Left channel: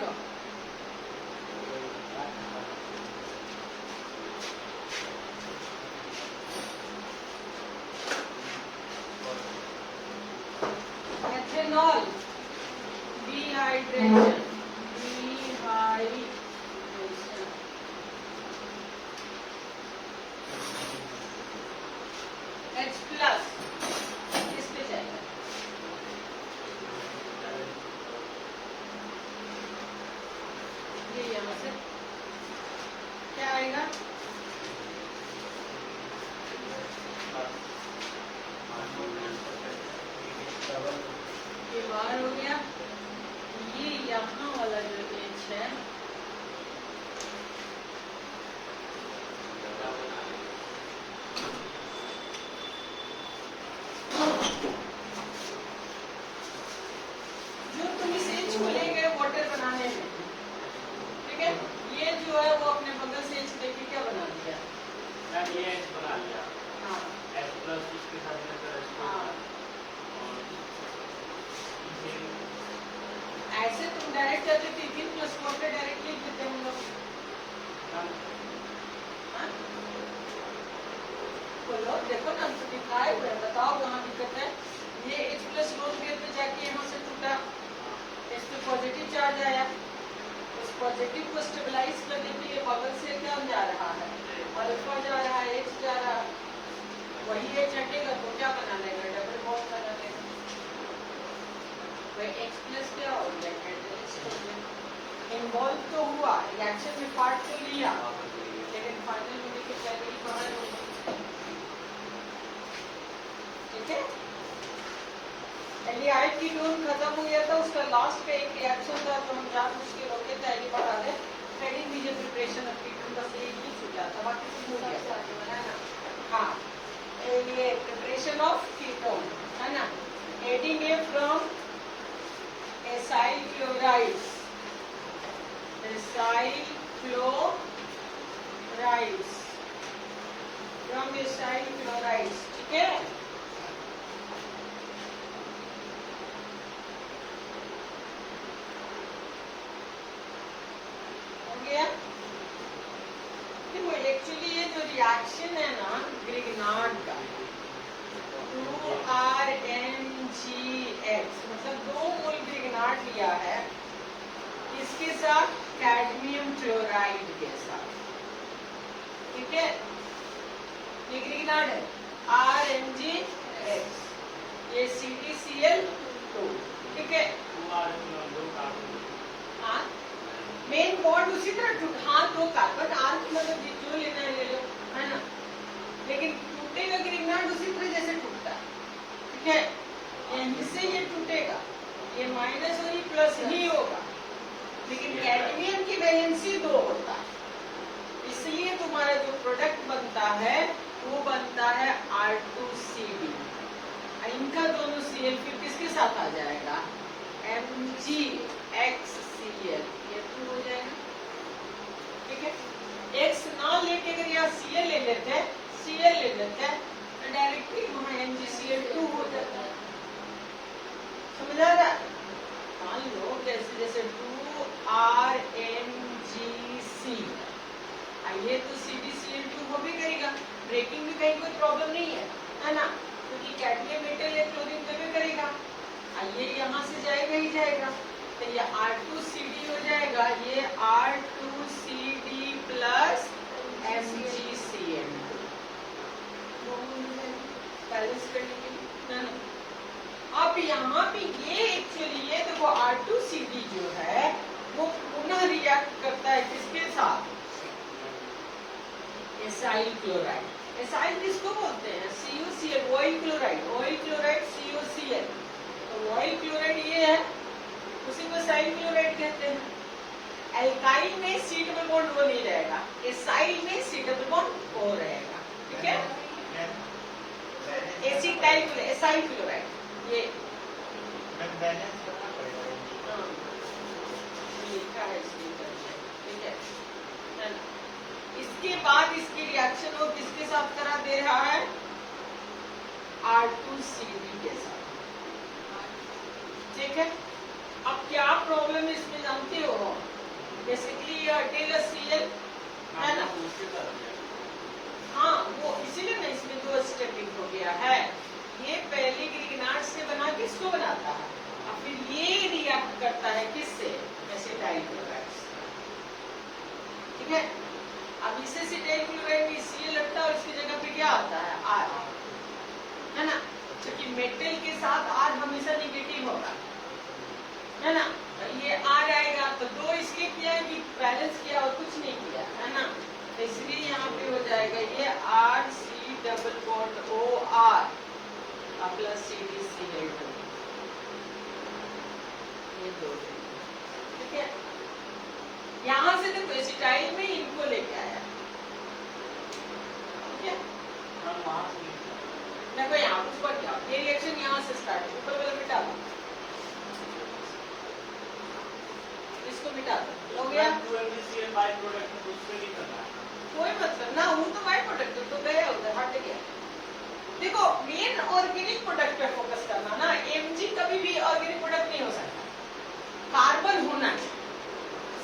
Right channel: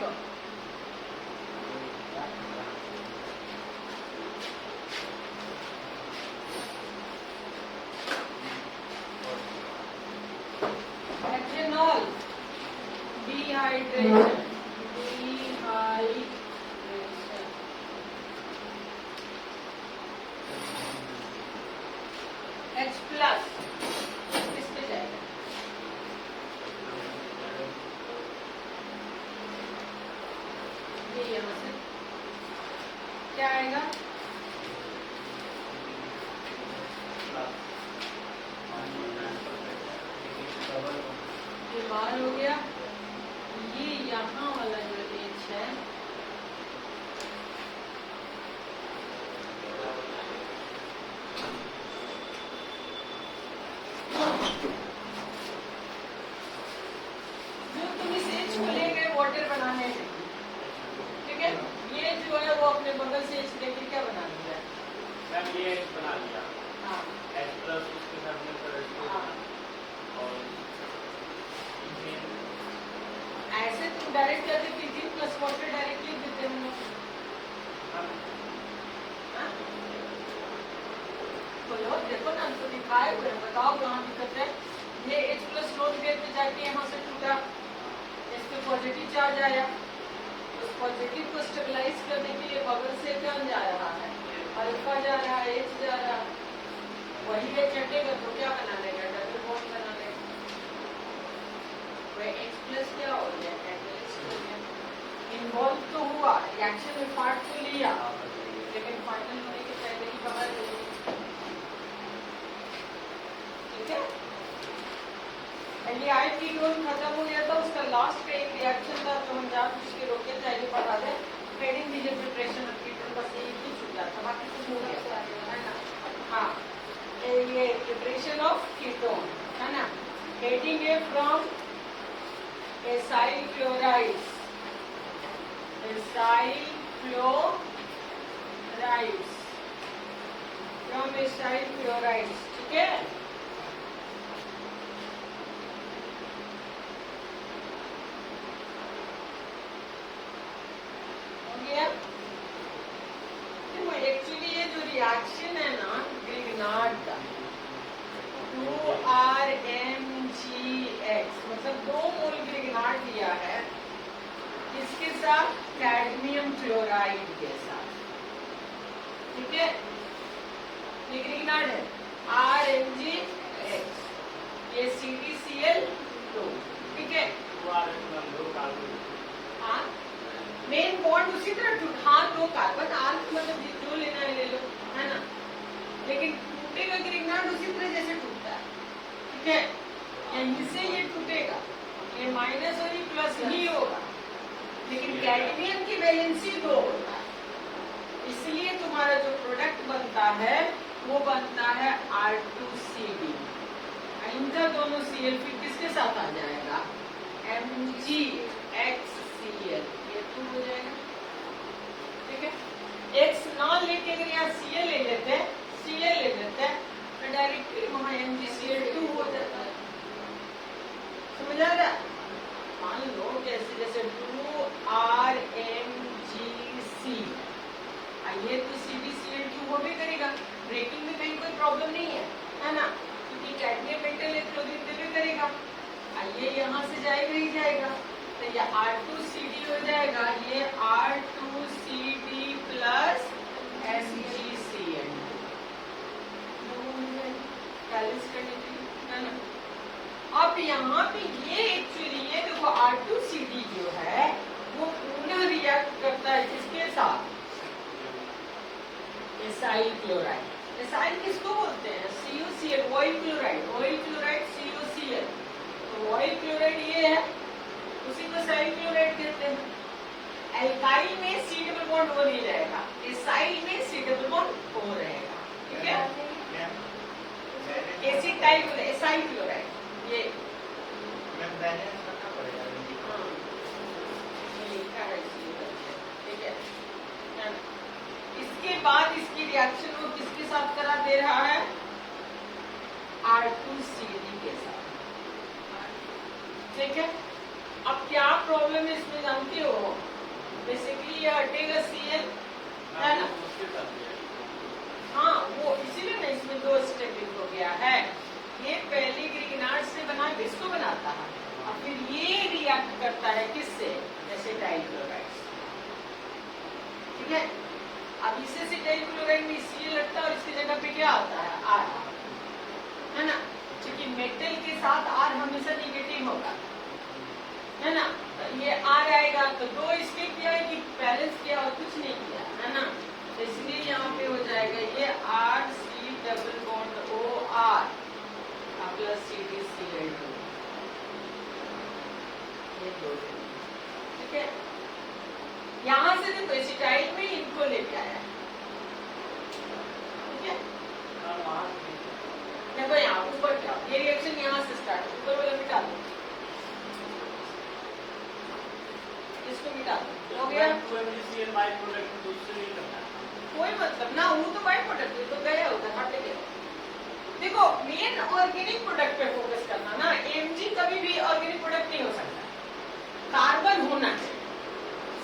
दो। Ethanol, dehydration, H plus किस पे जाएगा? ये यहाँ से क्या आएगा? ये बाहर हो गया। ये यहाँ वाला जो H है जो तुम इस H को ले गए वाटर बनाने में, ठीक है, ये जो है वो अपने बगल से H लेके क्या बना दिया? ये H बना लिया। हाँ, H प्लस उसके साथ मिलकर H को ऐसे तुम डायरेक्ट करके कितने प्लस वाटर डायरेक्ट लिख देते हम लोग। बोलो, देखो ना हमको दिखाए हुए, बताओ कहाँ दिक्कत है। ये H प्लस लोड गेट पे जाके यहाँ से टूटा, इस पे पॉजिटिव चार्ज आया, उस पॉजिटिव को स्टेबलाइज करने के लिए बगल से क्या जा रहा है? अल्फा जा रहा है, H जा रहा है। वही H हटेगा तो क्या बना लेगा? डबल बॉन्ड बना लेगा। H प्लस क्या हो गया? इन्वॉल्व तो हुआ, रिएक्शन में पार्ट तो लिया, लेकिन फाइनल होने के पहले ही बाहर हो गया। ठीक है, एल्डिहाइड कीटोन खत्म हो गया था, उसका लास्ट का एक रिएक्शन था तो हम जान उसके रोके थे। ये बता दें, हेडिंग दीजिए प्रिपरेशन ऑफ कीटोन, बस एक ही छूटा था, बाकी सब हो गया है ना। हाँ, ये प्रिपरेशन ऑफ कीटोन है ना। हेडिंग है from acyl chlorides, acyl chlorides, from acyl chlorides, ठीक है। देखो एक्चुअली ये जो रिएक्शन है ना ग्रिग्नार्ड का, 2RMgX मतलब 2 मोल ग्रिग्नार्ड लिया है, इसके साथ कैडमियम क्लोराइड के साथ, ठीक है। ये ग्रिग्नार्ड है RMgX, ये CdCl2, ठीक है। हाँ, मेन बॉन्ड उसी तरह हाँ 2 कार्बन, आर्क मतलब जो लेना है ले लो, है ना। लेकिन टूटेगा ग्रिग्नार्ड उसी तरह जैसे टूटता है, ठीक है। यहीं से ये टूटेगा, ये माइनस और ये प्लस ही होगा, लेकिन कैडमियम की वैलेंसी 2 होता है, इसलिए तुम्हारा जो प्रोडक्ट बनता है वो बनता है R2CD। इनका दोनों Cl फिर किसके साथ आ जाएगा? MgXCl, ये 2 हो जाएगा, ठीक है। X ना लेके अगर यहाँ Cl ले लेते हैं, Cl ले लेते हैं, तो डायरेक्टली वहाँ MgCl2 हो जाता है। समझ आ रहा है? मान लो कैसे, जैसे 2RMgC, ये तो CdCl2 वो भी करेगा, ब्रेकिंग में कहीं कोई प्रॉब्लम नहीं है ना, क्योंकि कैडमियम मेटल इलेक्ट्रोलिन में भी करेगा। ये यहाँ से जाएगा ही जाएगा, तो ये R2CD हो जाएगा, ये R2CD प्लस MgCl बैलेंस करने के लिए ना। अब यहाँ पे ये एक्चुअली ये देखो R2CD जो है वो पुनः रिएक्ट करता है किसके साथ? Acyl chloride. एसाइल किसको बोलते हैं? CuCl, oil chloride, oil chloride CuCl। तो ऑयल क्लोराइड ये है, उसी को एसाइल क्लोराइड कहते हैं। एल्काइल में C डबल बॉन्ड O नहीं रहेगा, एसाइल में C डबल बॉन्ड O रहेगा, ठीक है। एसिटाइल एसाइल क्लोराइड ये लिखा है इसमें, ठीक है। इसके बाद इसकी रिएक्शन वो किसके साथ करा दे रहा है? R2CD के साथ, ठीक है। अब क्या प्रॉब्लम है इसमें जानती हो? बेसिकली ये हटेगा Cl, है ना? हाँ, वो इसीलिए ना इसमें 2 स्टेपिंग हो गया है। ये पहले ग्रिग्नार्ड से बना के इसको बनाता है और फिर ये रिएक्ट करता है किससे? एसिटाइल क्लोराइड से। ठीक है, अब इसे एसिटाइल क्लोराइड में Cl लगता है और इसकी जगह पे क्या आता है? R, है ना? क्योंकि मेटल के साथ R हमेशा निगेटिव होगा, है ना? ये R आएगा तो 2 इसलिए किया है कि बैलेंस किया और कुछ नहीं किया, है ना? तो इसलिए यहाँ पे हो जाएगा ये RC double bond OR plus CdCl2, ये 2। ठीक है, यहाँ से देखो एसिटाइल में इनको लेके आया। ठीक है, देखो यहाँ ऊपर क्या, ये रिएक्शन यहाँ से स्टार्ट, ऊपर वाला मिटा दो, इसको मिटा दो, हो गया। कोई मतलब ना, वो तो बाय प्रोडक्ट तो गया उधर, हट गया। देखो मेन ऑर्गेनिक प्रोडक्ट पे फोकस करना ना, Mg कभी भी ऑर्गेनिक प्रोडक्ट नहीं हो सकता, कार्बन होना चाहिए।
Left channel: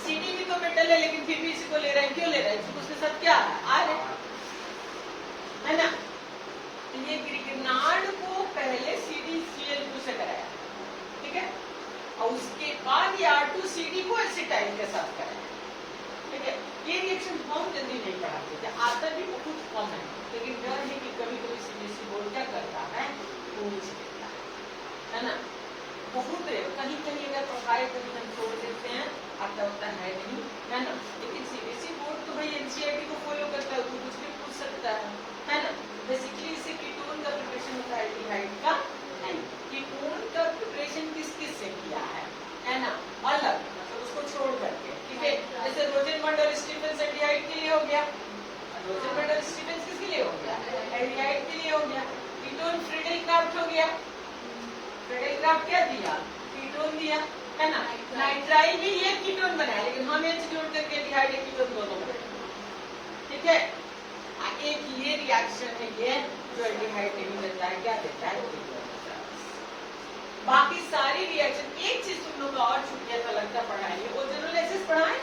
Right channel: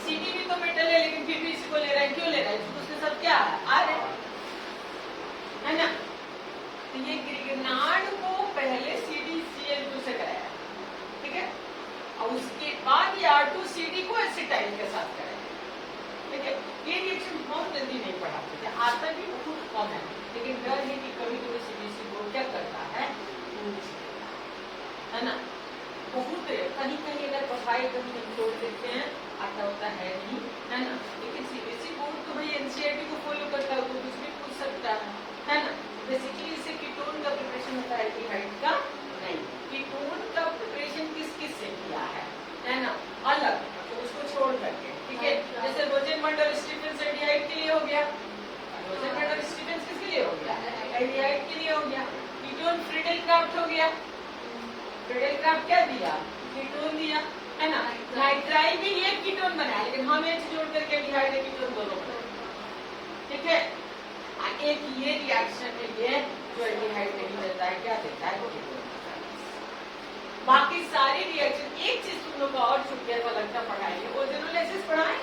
Cd भी तो मेटल है लेकिन फिर भी इसको ले रहा है, क्यों ले रहा है? क्योंकि उसके साथ क्या है? R है ना? ये ग्रिग्नार्ड को पहले CdCl2 से कराया, ठीक है, और उसके बाद ये R2CD को एसिटाइल के साथ कराया। ठीक है, ये रिएक्शन बहुत जल्दी नहीं पढ़ाते थे, आता भी बहुत कम है, लेकिन डर है कि कभी कभी CDC बोर्ड क्या करता है, है ना? बहुत कहीं कहीं अगर पढ़ाई कभी हम छोड़ देते हैं, आता होता है नहीं, है ना? लेकिन CBSE बोर्ड तो भाई NCERT को फॉलो करता है, तो कुछ भी पूछ सकता है ना? बेसिकली इसे कीटोन का प्रिपरेशन होता है, एल्डिहाइड का नहीं। कीटोन का प्रिपरेशन किस किस से किया है ना? अलग, मतलब उसको छोड़ करके, ठीक है? जैसे रोजेनबर्ग और स्टीफेंस एल्डिहाइड के लिए हो गया, रोजेनबर्ग और स्टीफेंस किसके लिए हो गया? एल्डिहाइड के लिए हो गया। कीटोन फ्रीडेलक्राफ्ट हो गया, फ्रीडेलक्राफ्ट क्या दिया? कीटोन दिया, है ना? नाइट्राइल भी ये कीटोन बनाया, लेकिन हम H जोड़ करके एल्डिहाइड या कीटोन दोनों बनाए, ठीक है? एक ये रिएक्शन है ये जो एल्डिहाइड नहीं देता है, क्या देता है? बाकी सारी रिएक्शन, एक चीज तुम लोग का और छूट गया तो लगता पढ़ाएंगे, ओजोनोलाइसिस पढ़ाए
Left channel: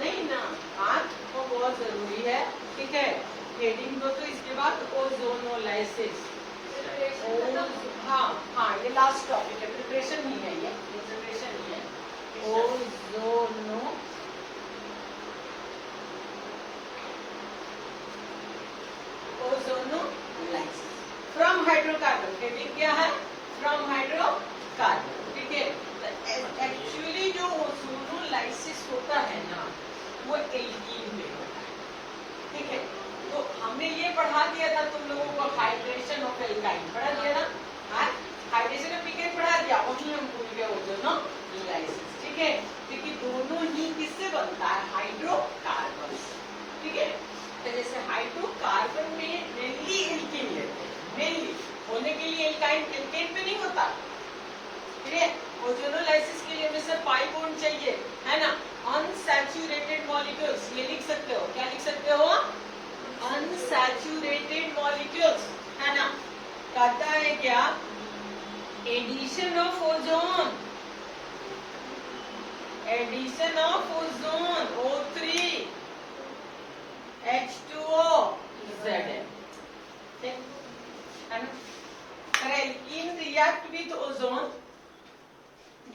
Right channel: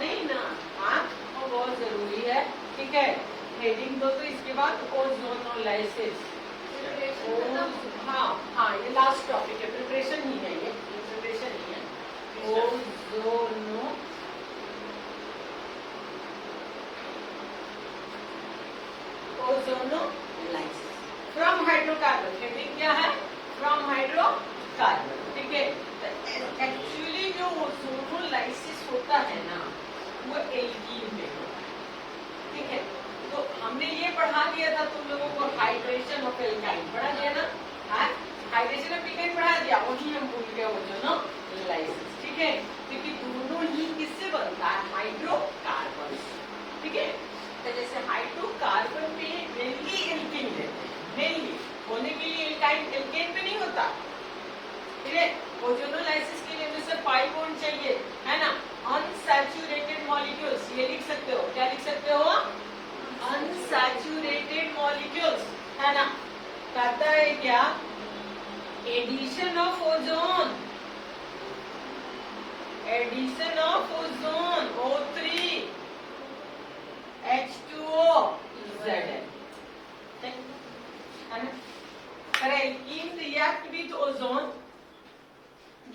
नहीं ना? हाँ, वो बहुत जरूरी है, ठीक है? हेडिंग दो तो इसके बाद ओजोनोलाइसिस। हाँ हाँ, ये लास्ट टॉपिक है, प्रिपरेशन ही है, ये प्रिपरेशन ही है। ओजोनोलाइसिस फ्रॉम हाइड्रोकार्बन, हेडिंग क्या है? फ्रॉम हाइड्रोकार्बन, ठीक है? एक्चुअली जो ओजोनोलाइसिस होता है ना, वो एल्कीन में होता है, ठीक है? तो हमने ये पढ़ा दिया था तुम लोगों को, हाइड्रेशन ऑफ एल्काइन पढ़ा दिया ना? हाइड्रेशन ऑफ एल्काइन पढ़ा दिया, वही हम भूल गए ओजोनोलाइसिस, ठीक है? क्योंकि दोनों ही किससे बनता है? हाइड्रोकार्बन से, ठीक है? तो जैसे हाइड्रोकार्बन में मेनली एल्कीन है, मेनली होने के लिए एल्काइन एल्केन पे नहीं होता, ठीक है? ओजोनोलाइसिस के लिए हमें सिर्फ पाई बॉन्ड चाहिए, है ना? अनसैचुरेटेड मॉलिक्यूल्स, ये लिख सकते हो, क्या लिख सकते हो? अनसैचुरेटेड मॉलिक्यूल्स, है ना? कहता है क्या? Addition of ozone, addition of ozone O3 H2O Zn, ठीक है ना? Alkene react with ozone,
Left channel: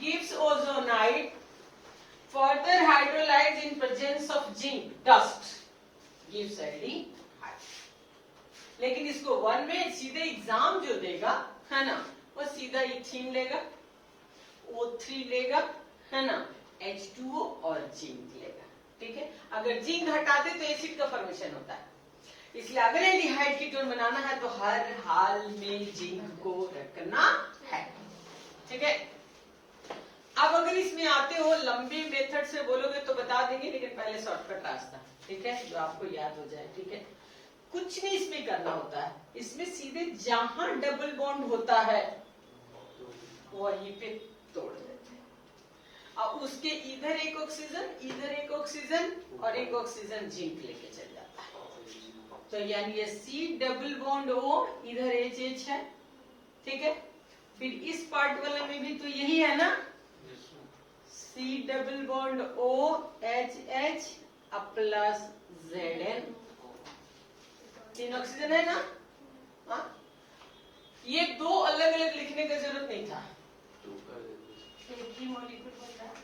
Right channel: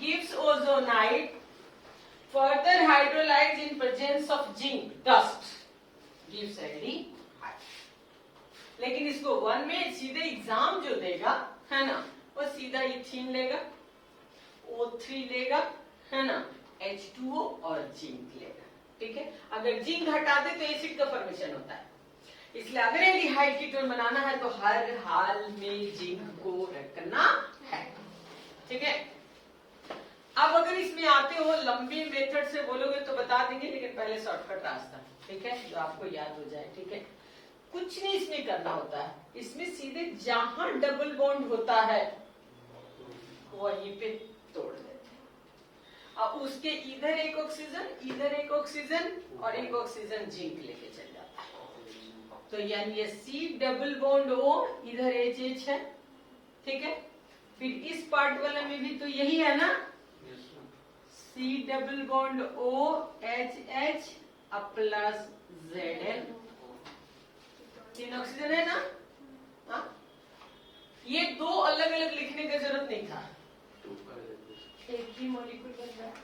gives ozonide, further hydrolyzed in presence of zinc dust, gives aldehyde। लेकिन इसको 1 में सीधे एग्जाम जो देगा, है ना, वो सीधा इथीन लेगा, O3 लेगा, है ना, H2O और जिंक लेगा, ठीक है? अगर जिंक हटा दे तो एसिड का फॉर्मेशन होता है, इसलिए अगर एल्डिहाइड कीटोन बनाना है तो हर हाल में जिंक को रखना है, ठीक है? अब अगर इसमें आते हो लंबे मेथड से बोलोगे तो बता देंगे, लेकिन पहले शॉर्टकट रास्ता, ठीक है, जो आपको याद हो जाए, ठीक है? कुछ नहीं इसमें करना होता है, इसमें सीधे जहां डबल बॉन्ड होता है वहीं पे तोड़ देते हैं। अब उसके इधर एक ऑक्सीजन, इधर एक ऑक्सीजन और एक ऑक्सीजन जिंक लेके चल जाता है, तो यानी ये C डबल बॉन्ड O, इधर HH है, ठीक है? फिर इस पार्ट वाला में भी तो यही है ना, C double bond O H अब प्लस Zn। 3 ऑक्सीजन है ना? हाँ? ये 2 अलग अलग लिखने की जरूरत नहीं था, एक ही मॉलिक्यूल बन रहा है।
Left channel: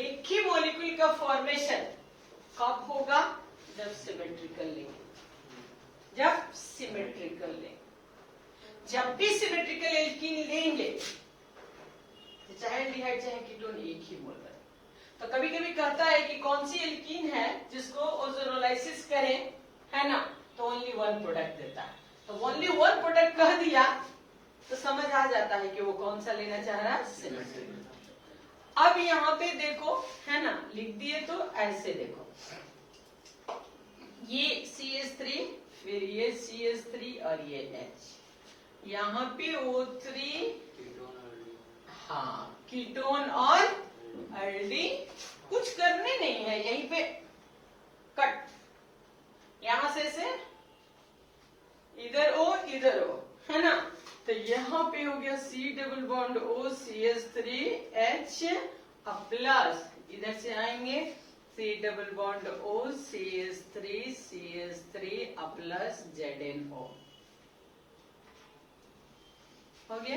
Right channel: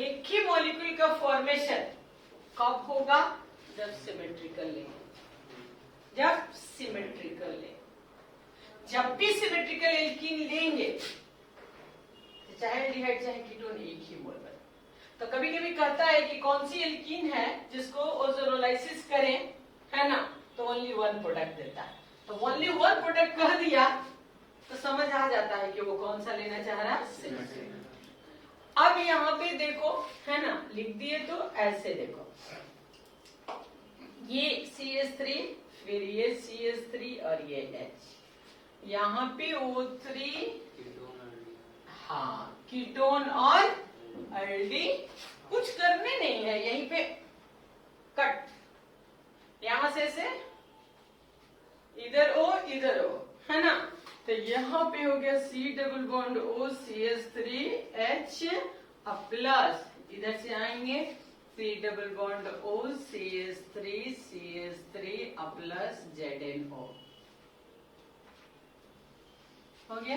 एक ही मॉलिक्यूल का फॉर्मेशन कब होगा? जब सिमेट्रिकल लेंगे, जब सिमेट्रिकल लेंगे। जब भी सिमेट्रिकल एल्कीन लेंगे, चाहे एल्डिहाइड चाहे कीटोन, एक ही मोल बने। तो कभी कभी कहता है कि कौन सी एल्कीन है जिसको ओजोनोलाइसिस करें, है ना, तो ओनली 1 प्रोडक्ट देता है। तो ओनली 1 प्रोडक्ट कह दिया तो समझ आ जाता है कि वो कौन सा लेना चाह रहा है, सिमेट्रिकल। अब यहाँ पे देखो, है ना, लिख दिए तो ऐसे देखो, ये CH3, फिर ये CH3 और ये H, यहाँ पे O3, हाँ, कीटोन और एल्डी। कुछ करने नहीं है, यहीं पे कट, यहां से इधर O इधर O, है ना। तो यहाँ पे हो गया C double bond O CH3H अब प्लस इधर से आएंगे C double bond O CH3 अब प्लस ZnO। हो गया,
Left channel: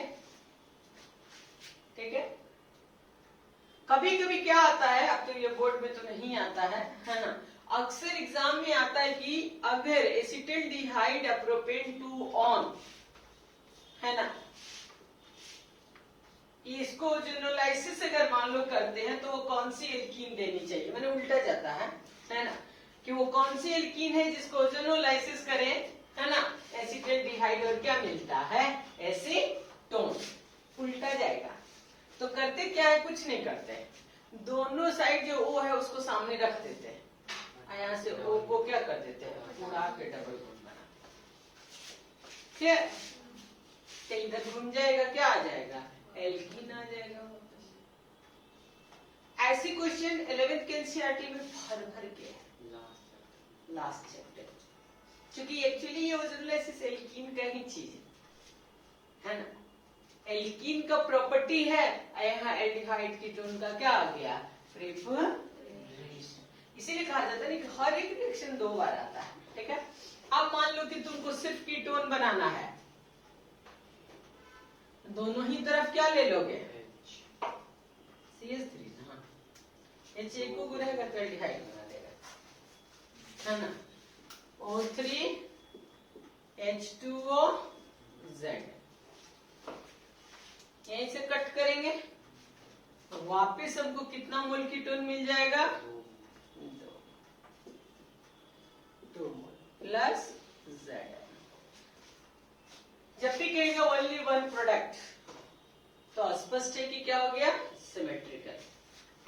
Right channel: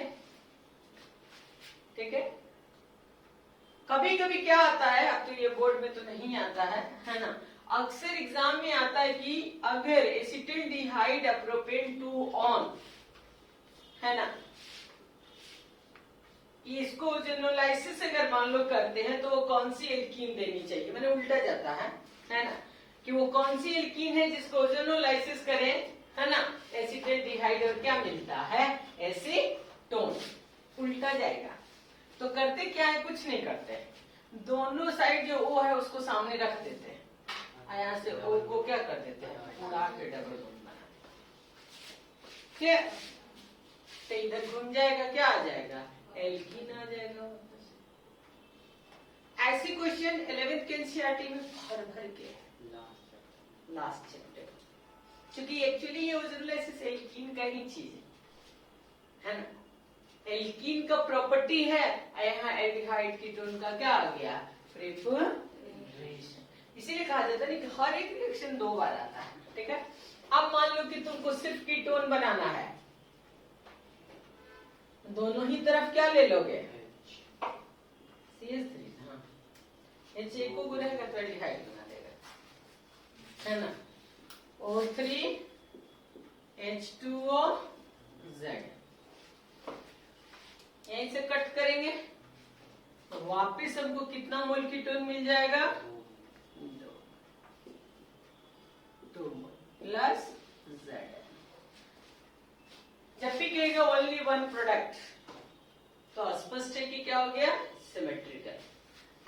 ठीक है। कभी कभी क्या आता है, अब तो ये बोर्ड में तो नहीं आता है ना, अक्सर एग्जाम में आता है कि अगर एसिटिल्डिहाइड प्रोपेन 2 ऑन, है ना, इसको ओजोनोलाइसिस अगर मान लो करते हैं तो वो कौन सी एल्कीन देनी चाहिए, मैंने उल्टा जाता है ना, कि वो कौन सी एल्कीन है जिसको ओजोनोलाइसिस करें, है ना, एसिटिल्डिहाइड और क्या मिलता है, एसीटोन। उल्टा जाएगा तो करते क्या है, कुछ नहीं करते, दोनों साइड जो O है उसको सामने रख देते हैं, यहाँ से O को क्या कर देते हैं, उड़ा के डबल बॉन्ड बना देते हैं। तो इधर घूम जाएगा, क्या आ जाएगा, एल्कीन आ जाएगा वापस। ऐसी क्वेश्चन 11th के एनसीईआरटी में भर भर के लास्ट चैप्टर, क्योंकि एक्चुअली ये ओजोनोलाइसिस एल्कीन का ही चीज है ना, एल्कीन का प्रॉपर्टी है, यहाँ एल्डिहाइड कीटोन का क्या आ गया, प्रिपरेशन। इसीलिए कहा जाता है कि हर एक रिएक्शन 2 बार आता है, ठीक है। अब मान लो कि तुमको सिर्फ कीटोन बनाना है, दोनों ही तरफ क्या ले लोगे, CH3, हाँ, H एक को गुनेगा तो एल्डिहाइड बना देगा, है ना, O3 H2O Z। यहीं से कट करेंगे तो वापिस हमको कितना मोल कीटोन मिल जाएगा, 2 मोल प्लस Z। जब भी कहेगा ओनली 1 प्रोडक्ट तो स्पष्ट है कि क्या हो गया, सिमेट्रिकल।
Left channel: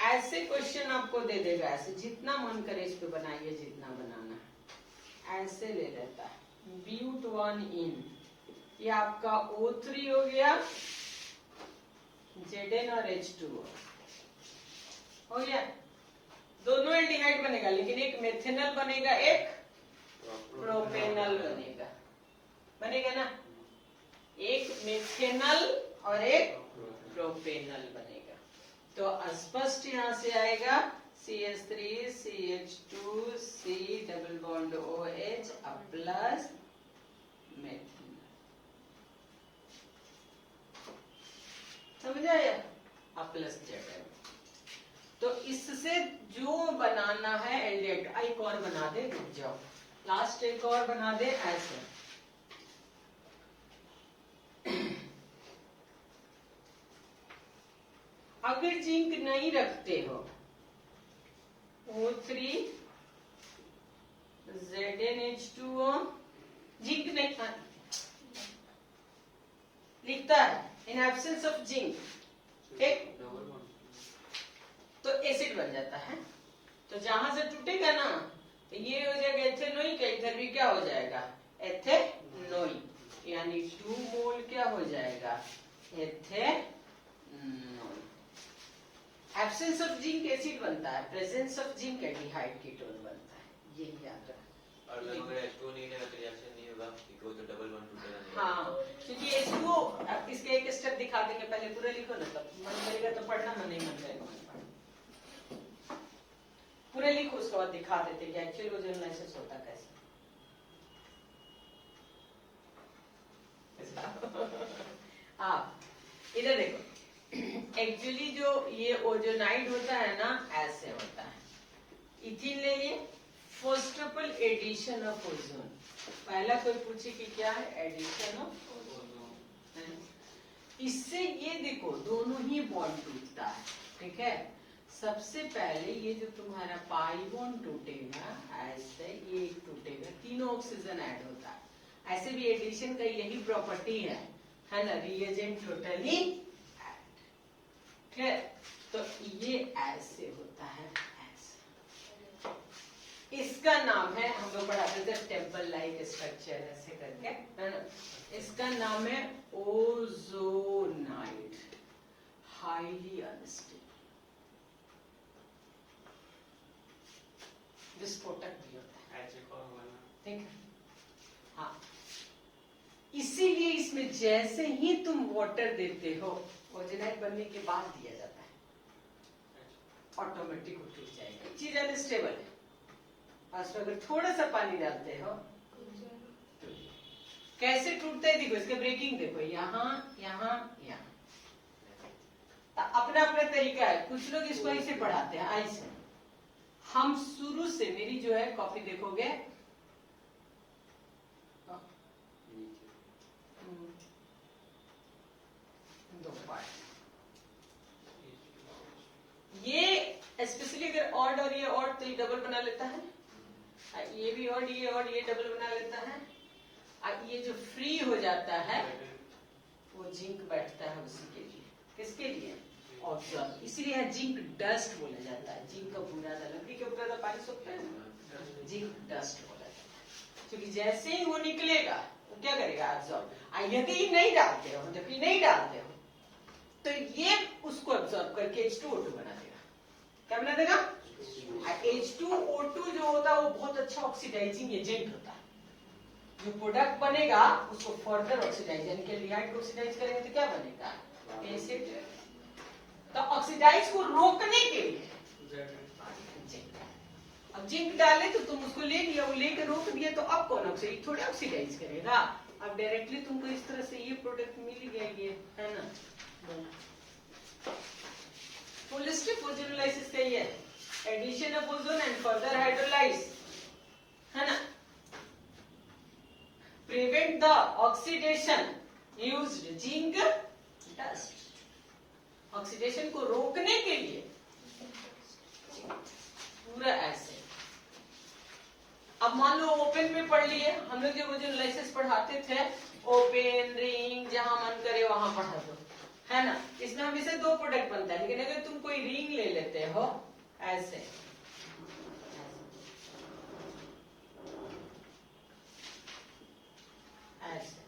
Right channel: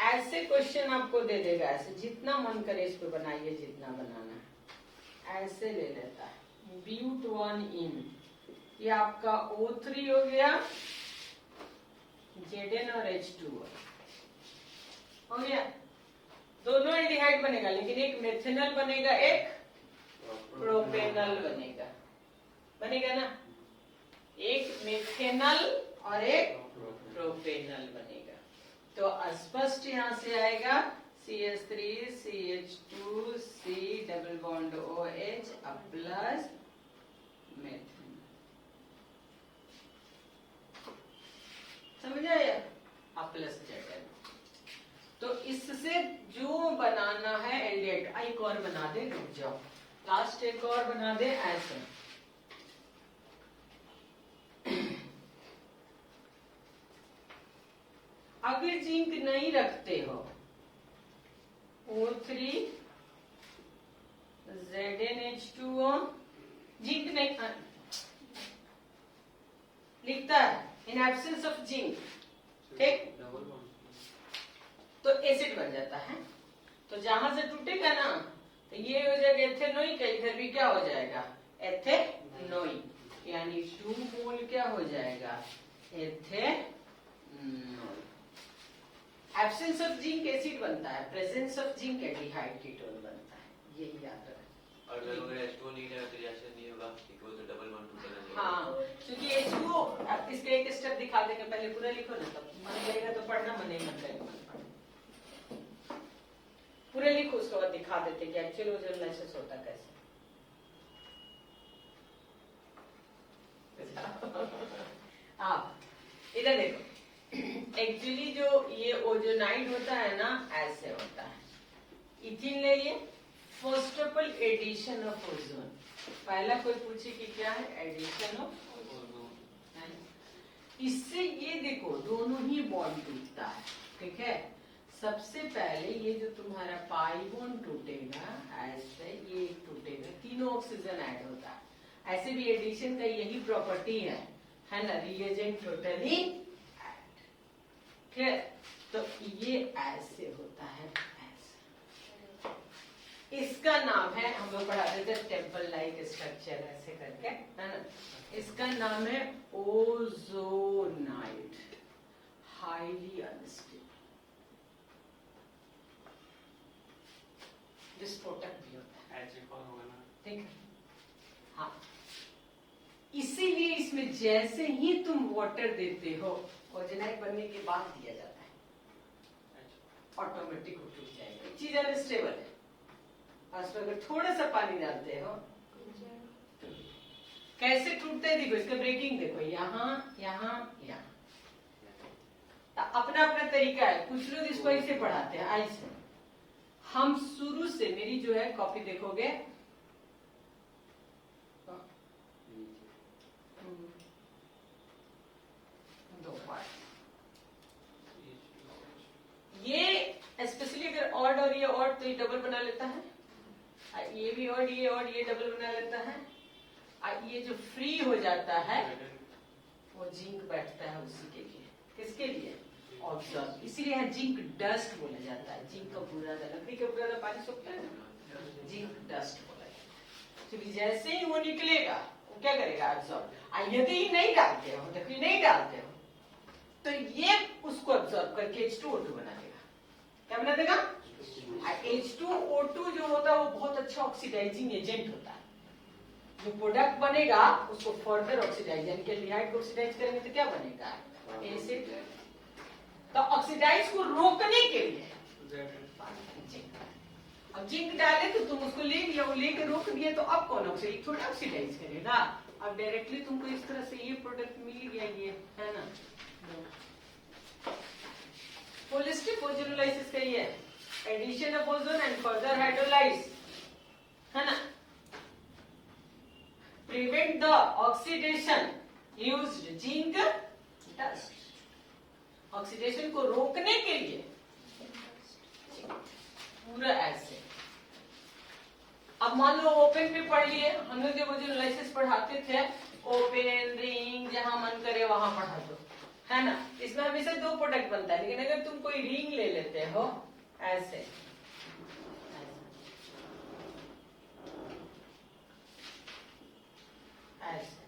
ऐसे क्वेश्चन आपको दे देगा, ऐसे जितना मन करे इस पे बनाइए, जितना बनाना है ऐसे ले लेता है। ब्यूट 1 इन, ये आपका O3 हो गया, Zn और H2O हो गया, दोनों एल्डिहाइड बनेगा, लेकिन एक मेथेनल बनेगा, एक प्रोपेनल बनेगा, बनेगा ना, एक मेथेनल और एक प्रोपेनल बनेगा। तो स्पष्ट यहां से आएगा CH3 CH2 C double bond OH अब प्लस मेथेनल। समझ आया, अब प्लस Zn। तो इससे जो बनाना है एल्डिहाइड, एक और बना दे, रुक जाओ, लास्ट एक और बना दे ऐसे। अगर जिंक नहीं रखते हो, O3 ZnH2O, जिंक नहीं लिखता है, इन एब्सेंस ऑफ जिंक, ठीक, तो एसिड बन जाता है। तो जहां से टूटेगा ना, तो ये हो जाएगा एथेनोइक, इधर भी क्या हो जाएगा, एथेनोइक, यानी 2 मोल क्या हो जाएगा, ethanoic. Absence of zinc acid बनता है, presence of zinc aldehyde ketone बनता है, यही याद रखना। और अगर H2O नहीं है तो रिएक्शन नहीं होगा, इक्वल टू डबल बॉन्ड टूटेगा। हाँ, क्योंकि H2O, इसके एक स्टेप दिखा देंगे, पहले पूरा लिखो ना, तब मन करेगा तो पढ़ना, मन नहीं मन करेगा। पूरे लिखो, उसके बाद दिखा देते कि एक्चुअली ओजोनलाइसिस होता कैसे। आप इधर देखो, एक्चुअली जो ये ओजोनाइड होता है ना, ऐसे होता है। इथिन ले लिए, first of all addition of ozone. पहला कोई पूछे कि क्या है, एडिशन ऑफ ओजोन। इससे ये देखो दोनों ही बॉन्ड टूटता है, ठीक है। सबसे पहले ये जो तुम्हारा पाई बॉन्ड टूटेगा, ऐसे ये टूटेगा, तीनों ऑक्सीजन ऐड होता है। ऐसे भी एडिशन का यही प्रॉपर्टी है ना, रिएजेंट टोटली ऐड, ठीक है। तो ये ऐसे होता है, ऐसे। इसका नाम है, हम लोग पढ़ाते थे टेम्पल लाइक स्ट्रक्चर ऐसे करके, है ना। इसका नाम है ओजोनाइड, हाईली अनस्टेबल, विस्फोटक भी होता है, ठीक है। हाँ, इसीलिए इसमें जैसे ही तुम वाटर देते हो, ओजोनाइड बनने के बाद दिया जाता है, ऑटोमेटिक वो टूट जाएगा। चीज अनस्टेबल है, और उसमें अगर थोड़ा सा पानी डालते हो, कैसे टूटता है देखो, इसका ब्रेकिंग देखो, यहाँ यहाँ यहाँ, अपना अपना तरीका है। कुछ लोग इसको ऐसे पढ़ाते हैं, ऐसे। हम शुरू से, मेरी जो है कॉपी देखोगे, दो पार्ट, ये स्पेशली अगर ऑड और ये ऑड तो ये डबल बना लेता है, ये भी ऑड, ये ऑड, ये डबल बना लेता है। ये जो फ्री हो जाता है वो जिंक बैठता है उसी के लिए। किसके लिए? ऑब्जर्व। इसीलिए यहाँ जिंक डस्ट बोला जाता है। जिंक का बुरा था, लकड़ी का बुरा था, पानी सूखता है ना, जिंक डस्ट बोला जाता है। क्योंकि जैसे ही वो निकलेगा वो क्या करेगा, ऑब्जर्व। यदि नहीं डालते हो, लकड़ी नहीं डालते हो, तो ये उसको ऑब्जर्व करके H2O2 बना देगा। क्या बना देगा? H2O2 जो होता है वो बहुत अच्छा ऑक्सीडाइजिंग एजेंट होता है। जो प्रोडक्ट बनेगा उसको फर्दर ऑक्सीडाइज, यानी कि एल्डिहाइड को ऑक्सीडाइज करेंगे तो क्या बनेगा, एसिड। तो ऑक्सीडाइज को रोकने के लिए अब जिंक डाले तो तुम उसको ले लिया, वो लेकर रोक दिया, तो अब कौन ऑक्सीडाइज, थोड़ा ऑक्सीडाइज करेगा। अब डायरेक्टली तुमको इस तरह से ये प्रोडक्ट मिल गया, ये है ना। होलिस्टिक ओजोनोलाइसिस का ये addition of ozone and further hydrolyse, है ना। Prevent the oxidation used zinc dust. Oxidation को रोकने के लिए पूरा ऐसे। अब मान लो ओपन में पढ़ लिए, हम लोग जब ओजोनोलाइसिस पढ़ाते थे, ओपन, रिंग, जहां मन करे वहां पढ़ा दो, है ना। इसमें हमेशा दो प्रोडक्ट बनता है, लेकिन अगर तुम कोई रिंग ले लेते हो ऐसे, ऐसे,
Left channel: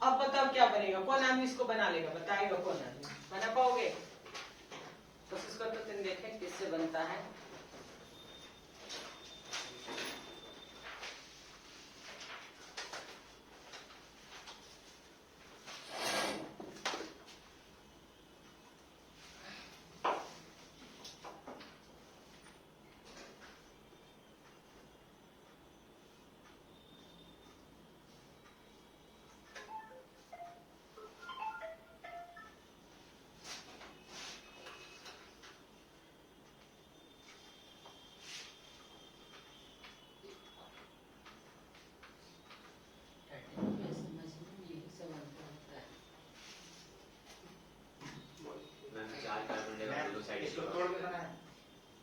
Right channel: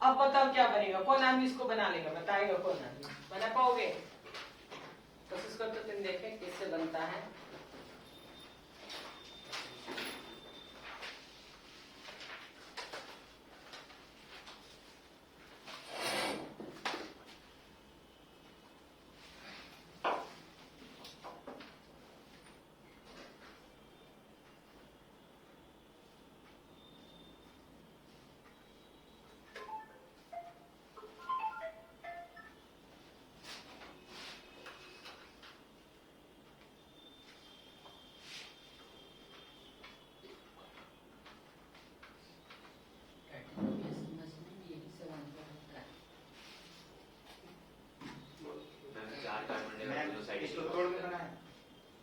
अब बताओ क्या बनेगा, कौन आदमी इसको बना लेगा, बताएगा कौन आदमी, बना पाओगे? कोशिश करो तो तुम देखें किससे बनता है।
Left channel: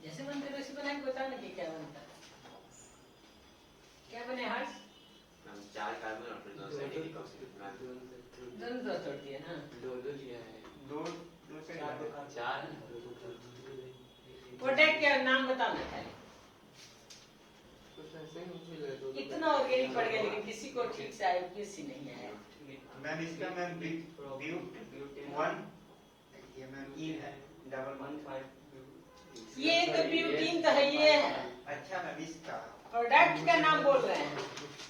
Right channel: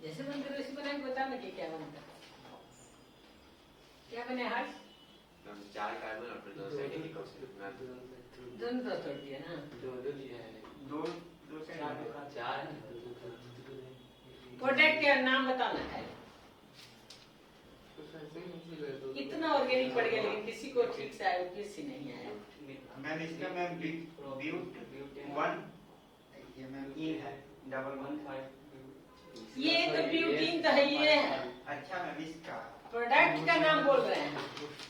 जैसे मन करो वैसे बनाए, बताओ ना कि क्या बनता है, क्या बने हर्ष? 4 कार्बन और फिर 2 साइड ऑक्सीजन। दोनों तो छोड़ दिया ना, दो लिया है, दो से 4। प्रोडक्ट का नाम बताओ ना खाली। इतना ऑर्गेनिक पड़ गया, लेकिन किसी को ठीक से आया, किसी नहीं आया। मैम इसका मैम ब्यूट 1 ये मैम ई है, डबल 1 ये तो ब्यूटीन का है, ये है। अच्छा मैम इसका प्रोडक्ट का नाम बोल रहे हैं।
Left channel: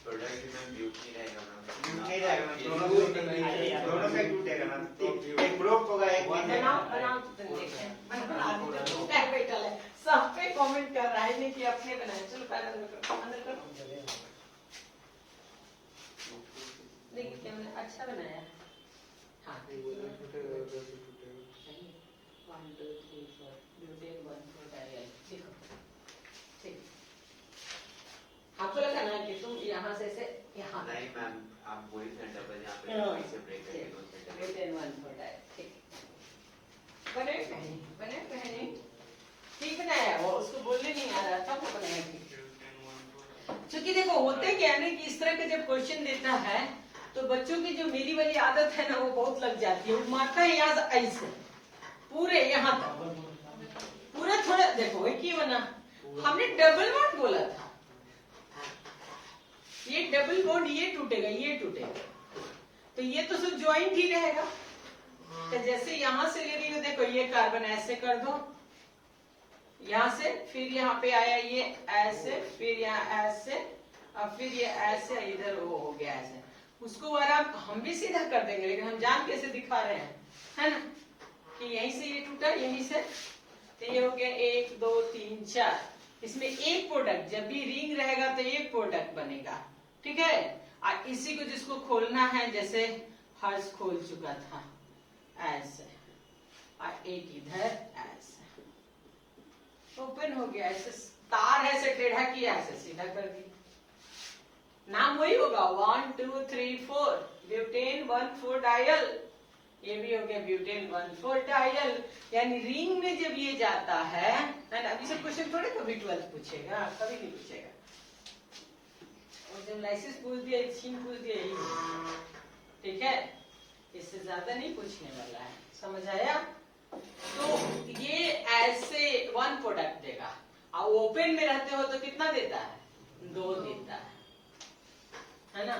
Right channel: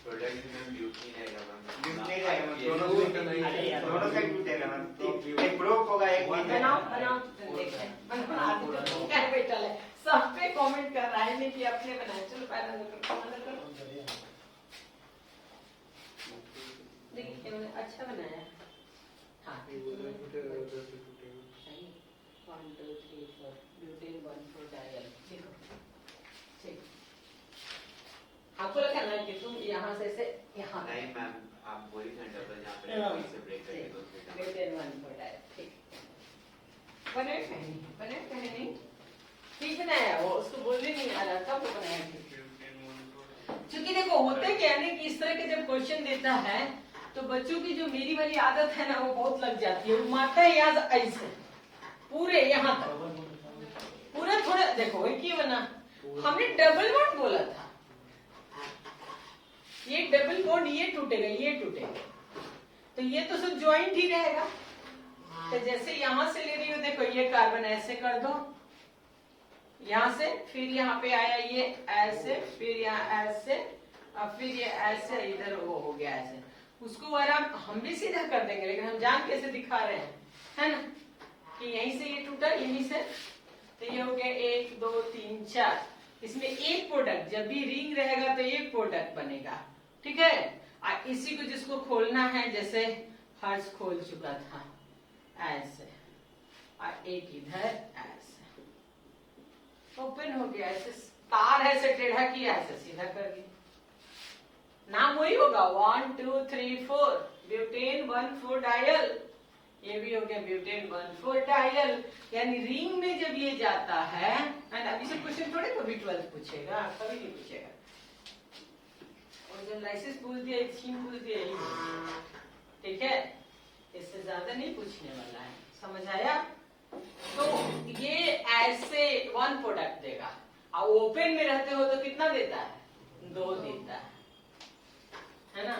प्रोडक्ट में ब्यूटीन आएगा मैम। ब्यूट नहीं रहेगा, दोनों से टूटेगा मैम। एक ब्रोक होगा, एक नहीं बनाओ बनाओ, तुम देख रहे हैं, बैठा है, सब पे कमेंट कर रहा है, नहीं किया, अपने बनाया। चलो पैर अंदर करो, अंदर करो। देखिए क्या मैंने अच्छा बनाया। हाँ 1 2 3 4 ब्यूटेन 1 4 डायल। देखो ठीक, आपको लगा ना कि तुम यहाँ से यहाँ नहीं मैम, आप वही थे डबल यहाँ पे हाँ। वहीं से ब्रेक करके दो से डबल। Butane 1 4 dial. ठीक बने कहीं, बने कहीं ठीक बनाया। वो उसको बोलने नहीं आ रहा था, वो बनाया ठीक। क्योंकि देखो होते क्या है ना कि इस तरह के जब क्वेश्चन देता है तो बच्चों की जो मेरी वाली आदत है ना वो बहुत लग जाती है। वो मारता है यहाँ से ऐसे पूरे यहाँ तक, पूरा थोड़ा देखो एक ही बना। हमने डबल बॉन्ड बोला था, ये डबल बॉन्ड ये टूटेगा, ये टूटेगा, तो ये तो सिर्फ ज्वाइंट ही रहेगा। तो जैसे यहां से ले रही हो, देखो ये कार्बन ऐसे कर दो, यहां से फिर यहाँ पे आया ये ऐसे, फिर यहाँ ऐसे, अब फिर ये ऐसे, इधर वो हो गया ऐसे। उसको आराम हम भी सीधा कर देंगे, लेकिन हम जान कैसे दिखा रहे हैं, है ना, कि यहीं से ये टूटा, यहीं से, तो ये हो गया 1 2 3 4। इसमें एक प्रोडक्ट, जब भी रिंग रहेगा तो एक प्रोडक्ट बनेगा, ठीक है। और इसी को जिसको खोलना है, जैसे हर्ष खोल चुका था ऐसे, और एक इधर ऐसे ओपन हो गया, ऐसे तार ऐसे टेढ़ा किया, ऐसे सीधा कर दिया। नाम वही होगा 1 2 3 4 ब्यूटेन 1 4 डायल। ये भी हो गया ब्यूटेन 1 4 डायल। यानी रिंग में जब ये जाता है, अभी सब क्वेश्चन थोड़े कभी 12 पूछेगा, कभी नहीं पूछेगा। और जब लाइसिस पूछ दिया, छीन पूछ दिया, यही ठीक है, इससे ज्यादा नहीं पूछने वाला है। समझ आया? तो ये ऐसे 1 प्रोडक्ट देगा, और ओपन में रहते हो तो कितना देता है? 2 देता है ना।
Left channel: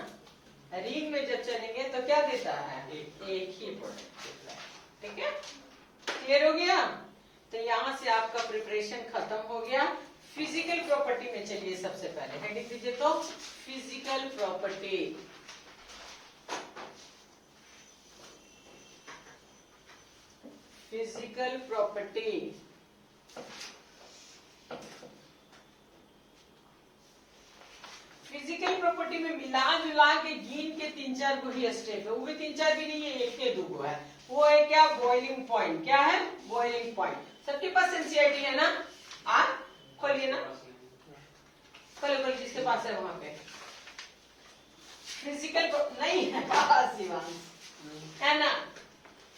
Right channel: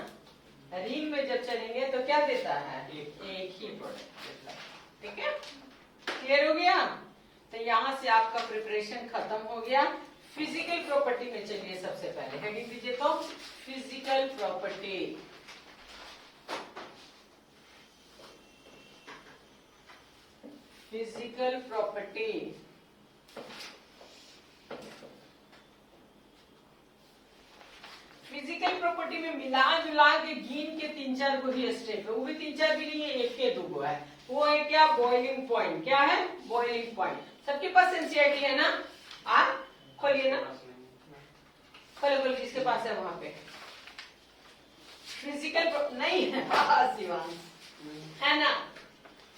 रिंग में जब चलेंगे तो क्या देता है? एक ही प्रोडक्ट देता है, ठीक है। क्लियर हो गया? तो यहाँ से आपका प्रिपरेशन खत्म हो गया। फिजिकल प्रॉपर्टी में चलिए, सबसे पहले हेडिंग दीजिए तो physical property. Physical property physical property में मिला जुला के गिन के 3-4 को ही स्टेप है, वो भी 3-4 भी नहीं है, 1 के 2 को है। वो है क्या? Boiling point. क्या है? Boiling point. सबके पास एनसीईआरटी है ना? आप खोलिए ना, खोलिए, जिसके पास है वहां पे फिजिकल नहीं है शिवांश, है ना।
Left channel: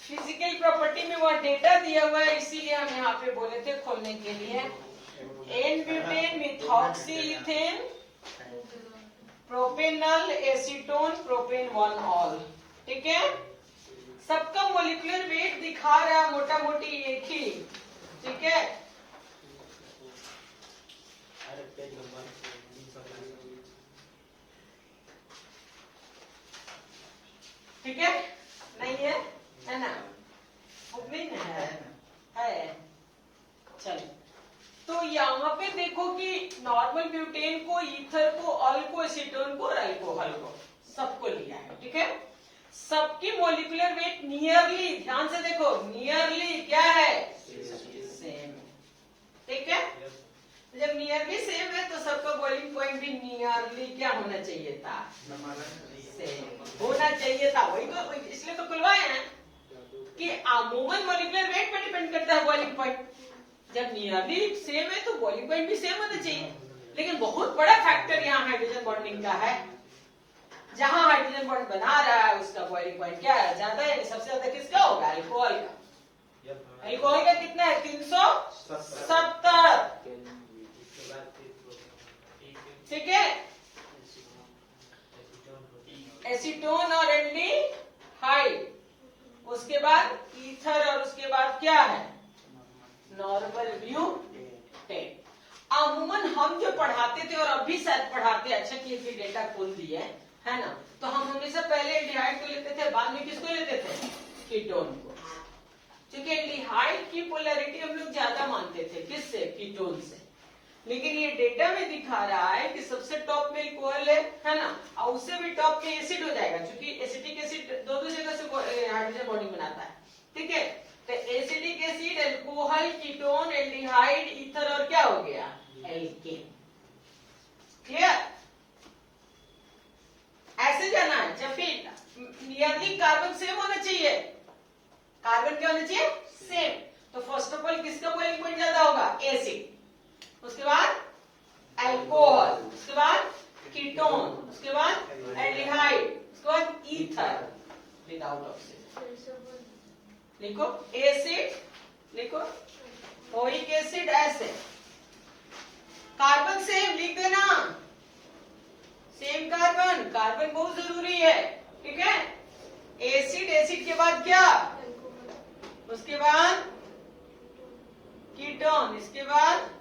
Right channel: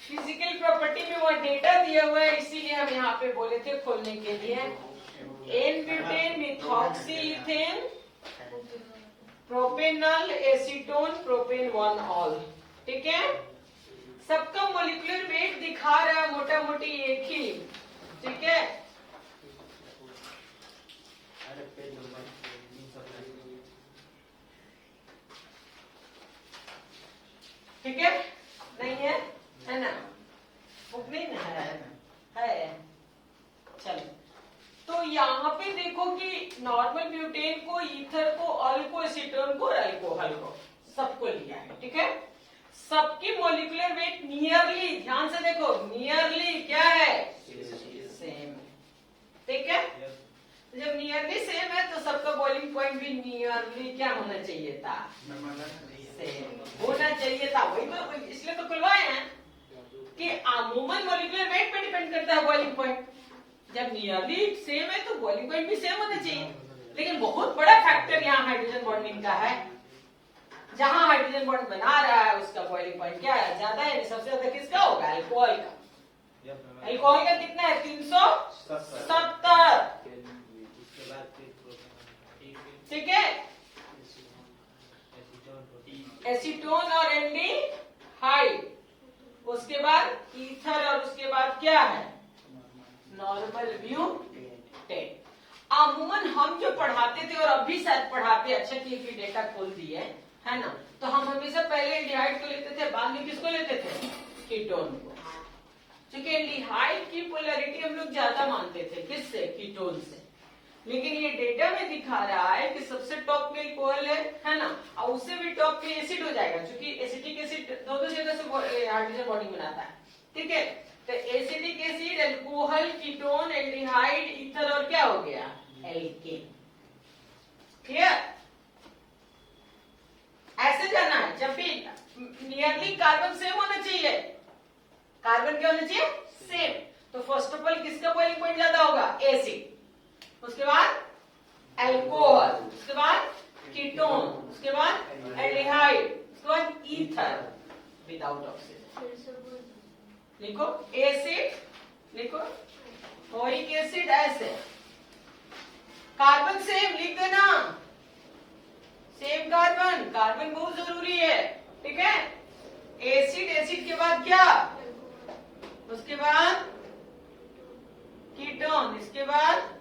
फिजिकल प्रॉपर्टी में वो डेटा दिया हुआ है, इसीलिए हम यहाँ पे बोले थे खोलने के लिए। N butane methoxy ethane propanal acetone propane 1 ol, ठीक है। सबका मोलिकुलर वेट दिखा रहा है मोटा मोटी एक ही, ठीक है। ठीक है, नहीं है ना? नहीं है। चलो, तो यहाँ पे देखो कि नॉर्मल ब्यूटेन को, ईथर को, अल को, एसीटोन को और अल्कोहल को सबको लिया है, ठीक है। सबकी मोलिकुलर वेट नियरली, ध्यान से देखो, नियरली क्या है? सेम, ठीक है। जब नियरली सेम है तो सबका बॉइलिंग पॉइंट भी नियरली क्या होना चाहिए था? सेम होना चाहिए था। वही तो, इसलिए तो खुलवाए हैं कि अमूमन मोलिकुलर वेट पर डिपेंड करता है बॉइलिंग पॉइंट। जब नियरली सेम है तो बॉइलिंग पॉइंट भी सेम होना चाहिए। लेकिन बहुत बड़ा फैक्टर यहाँ हाइड्रोजन बॉन्डिंग का है। जहां हाइड्रोजन बॉन्ड बना रहा है उसका बॉइलिंग पॉइंट क्या है? ज्यादा है। सबसे ज्यादा किसका होगा? अल्कोहल का। अल्कोहल का कितना है? 370, ठीक है। एसीटोन और एल्डिहाइड, उसके बाद ईथर, और उसके बाद क्या है? Normal butane. अमूमन हम जो पढ़ाते थे और अब भी शायद पढ़ाते, अच्छा किए कि डेटा खोल दिए, है ना, तो हम हमेशा पहले एल्डिहाइड को लेते थे, बाद में किसको लेते थे? कीटोन को। क्योंकि एल्डिहाइड की पोलैरिटी हम लोग ज्यादा मानते थे, किससे? कीटोन से। लेकिन ये डेटा में दिखा रहा है कि सबसे टॉप में अल्कोहल है ना, और उससे भी टॉप पे एसिड हो जाएगा, क्योंकि एसिटिक एसिड दो जगह से हाइड्रोजन बॉन्डिंग बनाता है, ठीक है। तो acidic acid, alcohol, ketone, aldehyde, ether और क्या हो गया? एल्केन। क्लियर? ऐसे जाना है, जब भी नियरली कार्बन सेम होना चाहिए। कार्बन क्या होना चाहिए? सेम। तो फर्स्ट ऑफ ऑल किसका बॉइलिंग पॉइंट ज्यादा होगा? एसिड, उसके बाद अल्कोहल, उसके बाद कीटोन, उसके बाद एल्डिहाइड, उसके बाद ईथर विदाउट ऑक्सीजन। लिखो एसिड, लिखो क्लोरिक एसिड, ऐसे कार्बन सेम लिख देना, सेम कार्बन, कार्बन बहुत जरूरी है, ठीक है। एसिड, एसिड के बाद क्या? उसके बाद कीटोन, इसके बाद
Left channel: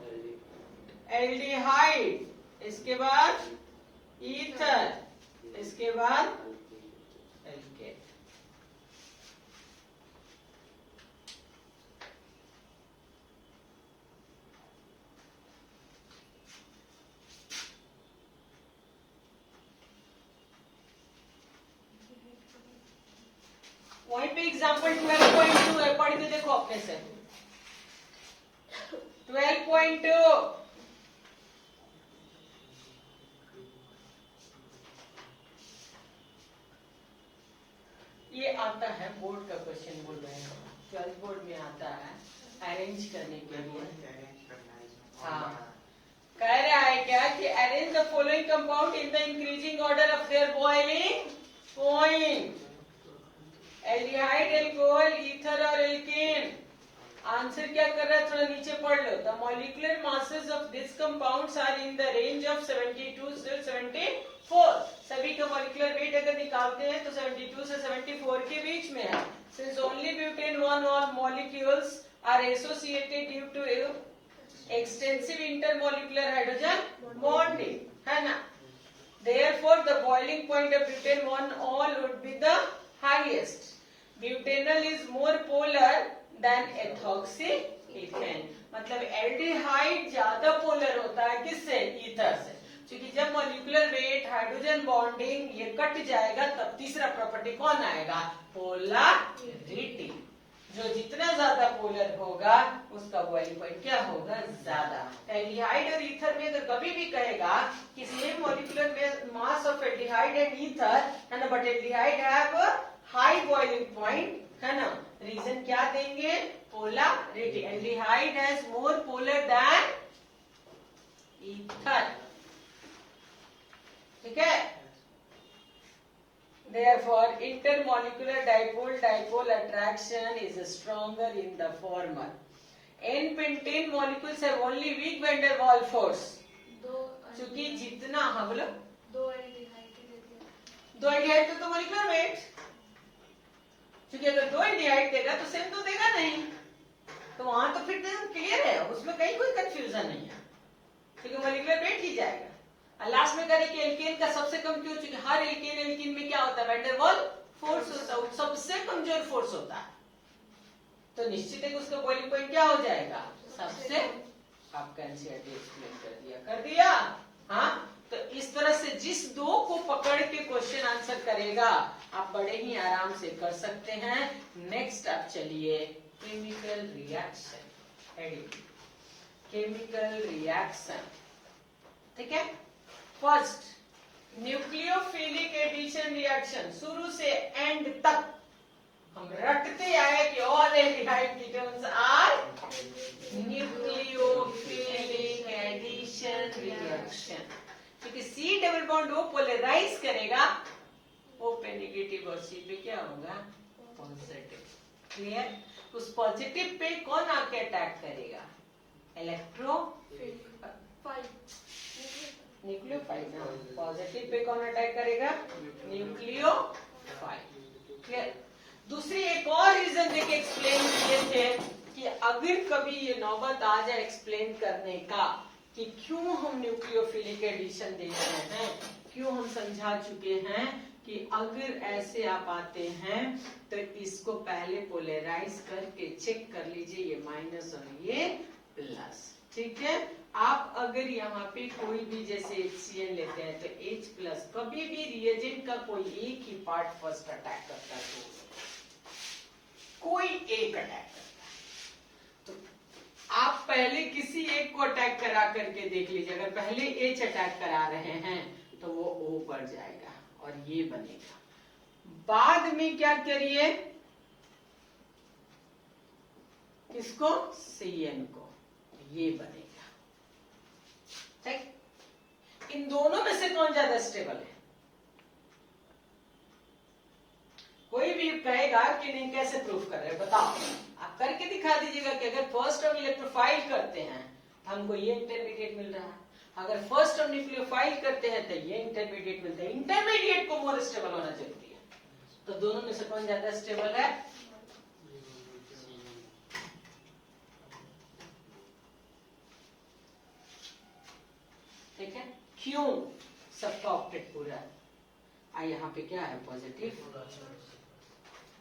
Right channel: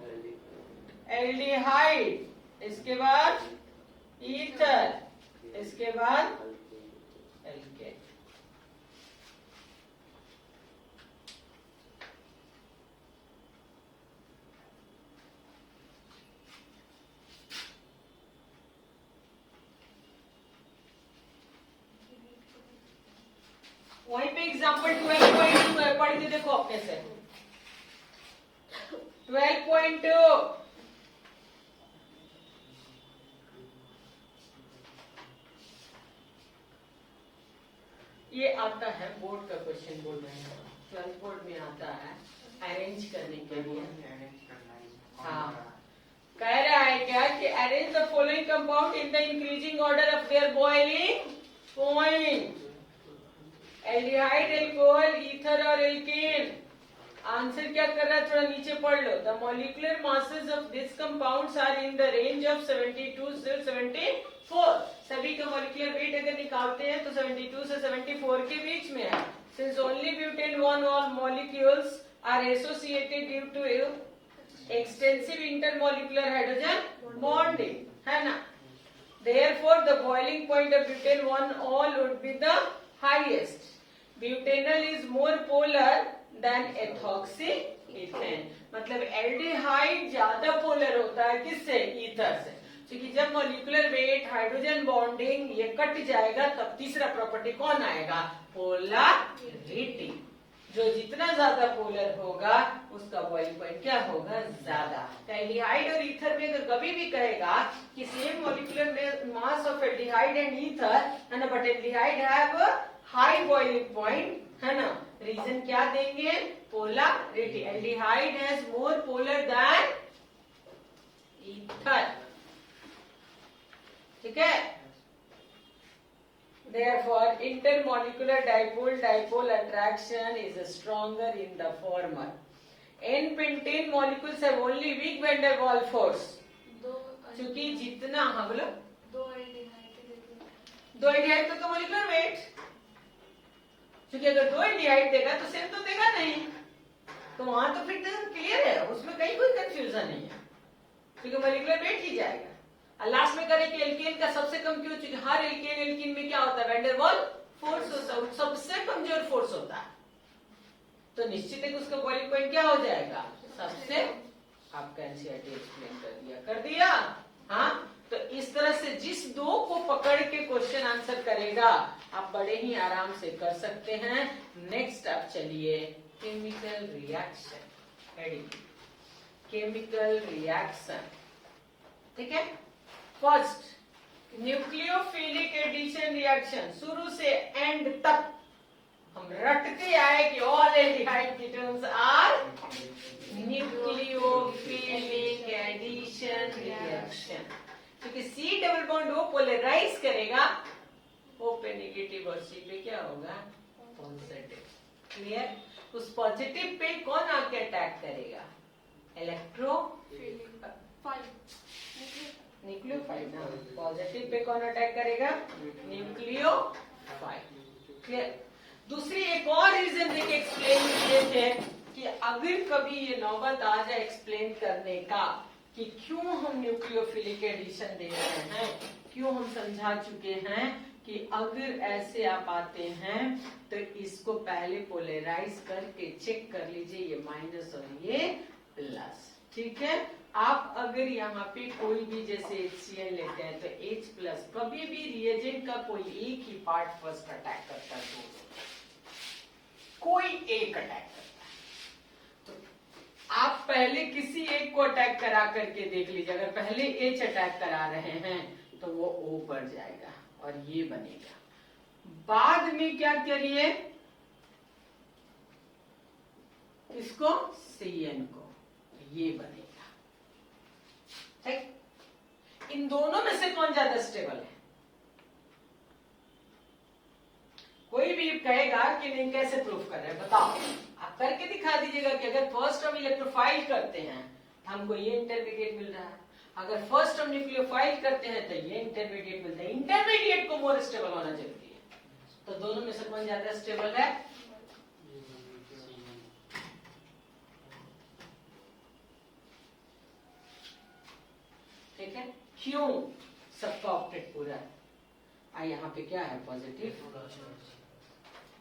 एल्डिहाइड, इसके बाद ईथर, इसके बाद एल्केन। वहीं पे एग्जाम्पल 12.2 है, पढ़ के देखो अपने से। 12.2 ये आता है, बोर्ड का क्वेश्चन बोल रहे हैं, 12 बोर्ड में आता है अरेंज करने के लिए। हाँ, कह रहा है क्या कि arrange the following compound in the increasing order of their boiling point. Aldehyde, alcohol, ether और एल्केन। आंसर क्या कर रहा है, थोड़ा नीचे पढ़ लो। The molecular masses of this compounds are in the range of 72 से 74। सभी का मॉलिक्यूलर वेट अगर निकालते हैं तो 72 से 74 के बीच में है। सिंस ओनली ब्यूटेन वन और molecules are associated due to extensive intermolecular hydrogen bonding, है ना। Therefore, the boiling point of butane 1-all would be the highest. Butanol is more polar than ethoxyethane. मतलब एल्डिहाइड ज्यादा polar होता है किससे? Ether से। क्योंकि जब मॉलिक्यूलर वेट, हाइड्रोजन बॉन्डिंग ये कट जाएगा तब तीसरा प्रॉपर्टी कौन आएगा? पोलैरिटी। जो जितना ज्यादा पोलर होगा उसका बॉइलिंग पॉइंट क्या होगा? ज्यादा। एल्डिहाइड और ईथर में अगर कभी भी कहेगा कि same molecular mass of aldehyde and ether, है ना, but aldehyde have high boiling point, है ना, रीजन क्या देंगे? Polarity. Aldehyde has more polar than ether, ठीक है। Therefore, intermolecular dipole-dipole attraction is stronger in the former. N-pentane molecules have only weak van der Waals force. क्योंकि जितना, हाँ बोलो, दो एल्डिहाइड तो मोलिकुलर वेट, क्योंकि अगर दो एल्डिहाइड देगा तो सेम तो देगा नहीं, तो वहां तो फिर क्लियर है, उसमें कहीं कोई कंफ्यूजन नहीं है, क्योंकि मोलिकुलर वेट ही जाएगा। लास्ट में करें कि एल्केन का सबसे कम क्यों? क्योंकि हर एल्केन में क्या होता है? वैन डेर वाल फोर्स होता है, सबसे कमजोर फोर्स होता है, तो निश्चित है कि उसका बॉइलिंग पॉइंट क्या हो जाएगा? सबसे। आपका एनसीईआरटी एक्सप्लेन कर दिया। हाँ, तो इस तरह से जिस दो को पकड़ के क्वेश्चन आंसर करेगा आप बड़े ही आराम से कर सकते हैं। नेक्स्ट आप चलिए केमिकल रिएक्शन, केमिकल रिएक्शन, ठीक है। फर्स्ट न्यूक्लियोफिलिक एडिशन रिएक्शन, शुरू से एंड तक हम रटते आए कि all aldehyde ketones are nucleophilic addition reaction. क्योंकि C double bond O polarise करेगा, O पे नेगेटिव और C पे क्या होगा? पॉजिटिव। क्लियर? उस पॉजिटिव पे कौन आके अटैक करेगा? न्यूक्लियोफाइल ना, पॉजिटिव पे कौन अटैक करेगा? न्यूक्लियोफाइल। क्लियर? दूसरी एक और रीजन देके एक्सप्लेन देते हैं कि अगर कभी ये नौबत आ जाए एक्सप्लेन करने का कि क्यों हम न्यूक्लियोफिलिक एडिशन दे रहे हैं, क्यों हम समझा चुके हैं कि अगर ऐसे आप आते हैं तो इसको पहले पोलराइज करके चेक कर लीजिए, ये माइनस और ये प्लस, ठीक है। आप अगर यहाँ पे कोई भी जैसे HCl लेते हैं तो H प्लस, कभी भी रिएजेंट का कोई एक ही पार्ट फर्स्ट अटैक करता है, तो कोई एक अटैक करता है, तो आप पहले किसी एक को अटैक करा करके देख लीजिए। अगर पहले एच अटैक करा रहे हैं तो वो ओ पर जाएगा और ये बनेगा। बाद में क्या करिए, किसको, CN को, ये बनेगा। ठीक, इन दोनों में से कौन ज्यादा स्टेबल है? कोई भी कहेगा कि नहीं, कैसे प्रूफ कर रहे हैं बताओ, आप करके दिखा दीजिएगा कि अगर फर्स्ट टर्म इलेक्ट्रोफाइल करते हैं तो हमको ये इंटरमीडिएट मिल रहा है, अगर फर्स्ट टर्म न्यूक्लियोफाइल करते हैं तो ये इंटरमीडिएट मिलता है। इंटरमीडिएट को मोर स्टेबल होना जरूरी है। तो दोनों में से कौन ज्यादा स्टेबल है? ठीक है, क्यों? सबका ऑक्टेट पूरा है। यहाँ पे क्या है, पॉजिटिव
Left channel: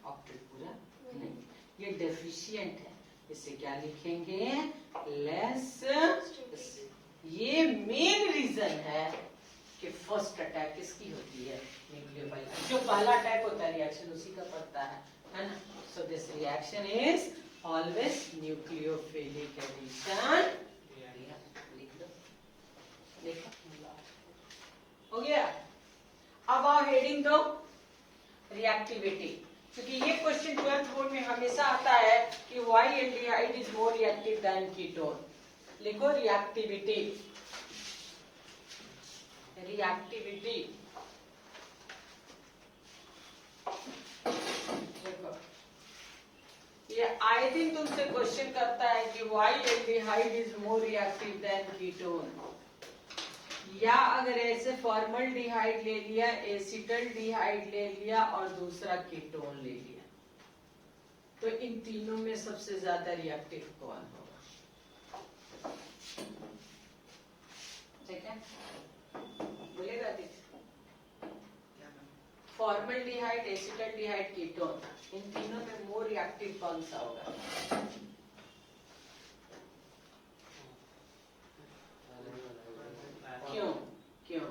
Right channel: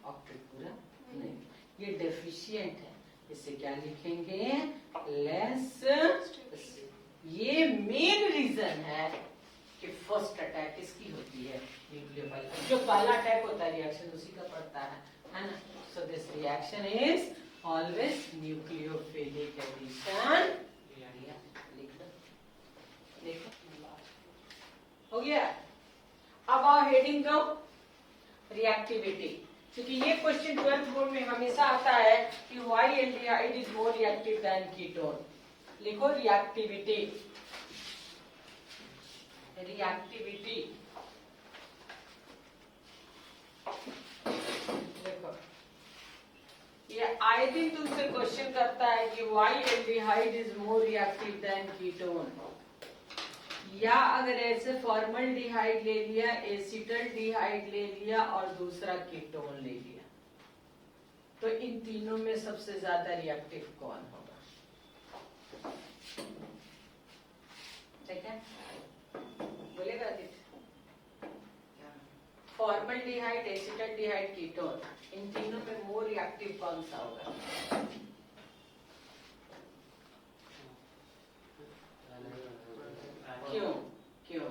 ऑक्टेट पूरा नहीं, ये डेफिशिएंट है, इसे क्या लिखेंगे, लेस। ये मेन रीजन है कि फर्स्ट अटैक किसकी होती है, न्यूक्लियोफाइल। जो पहला अटैक होता है रिएक्शन उसी का पड़ता है ना। So this reaction is always nucleophilic addition. हो गया। अब आओ हेडिंग दो, रिएक्टिविटी। क्योंकि ये क्वेश्चन 12th बोर्ड में हमेशा आता है कि why aldehyde is more reactive than ketone. लिखो रिएक्टिविटी। रिएक्टिविटी देखो, ये आए दिन तुमसे क्वेश्चन करता है कि why aldehyde is more reactive than ketone. या अगर ऐसे फॉर्मल्डिहाइड ले लिया, एसिटल्डिहाइड ले लिया और दूसरा कीटोन ले लिया, तो इन तीनों में सबसे ज्यादा रिएक्टिव कौन होगा? ठीक है, बोलेगा आदित्य। फॉर्मल्डिहाइड, एसिटल्डिहाइड, कीटोन, इन तीनों में मोर रिएक्टिव कौन सा होगा? क्यों? क्यों?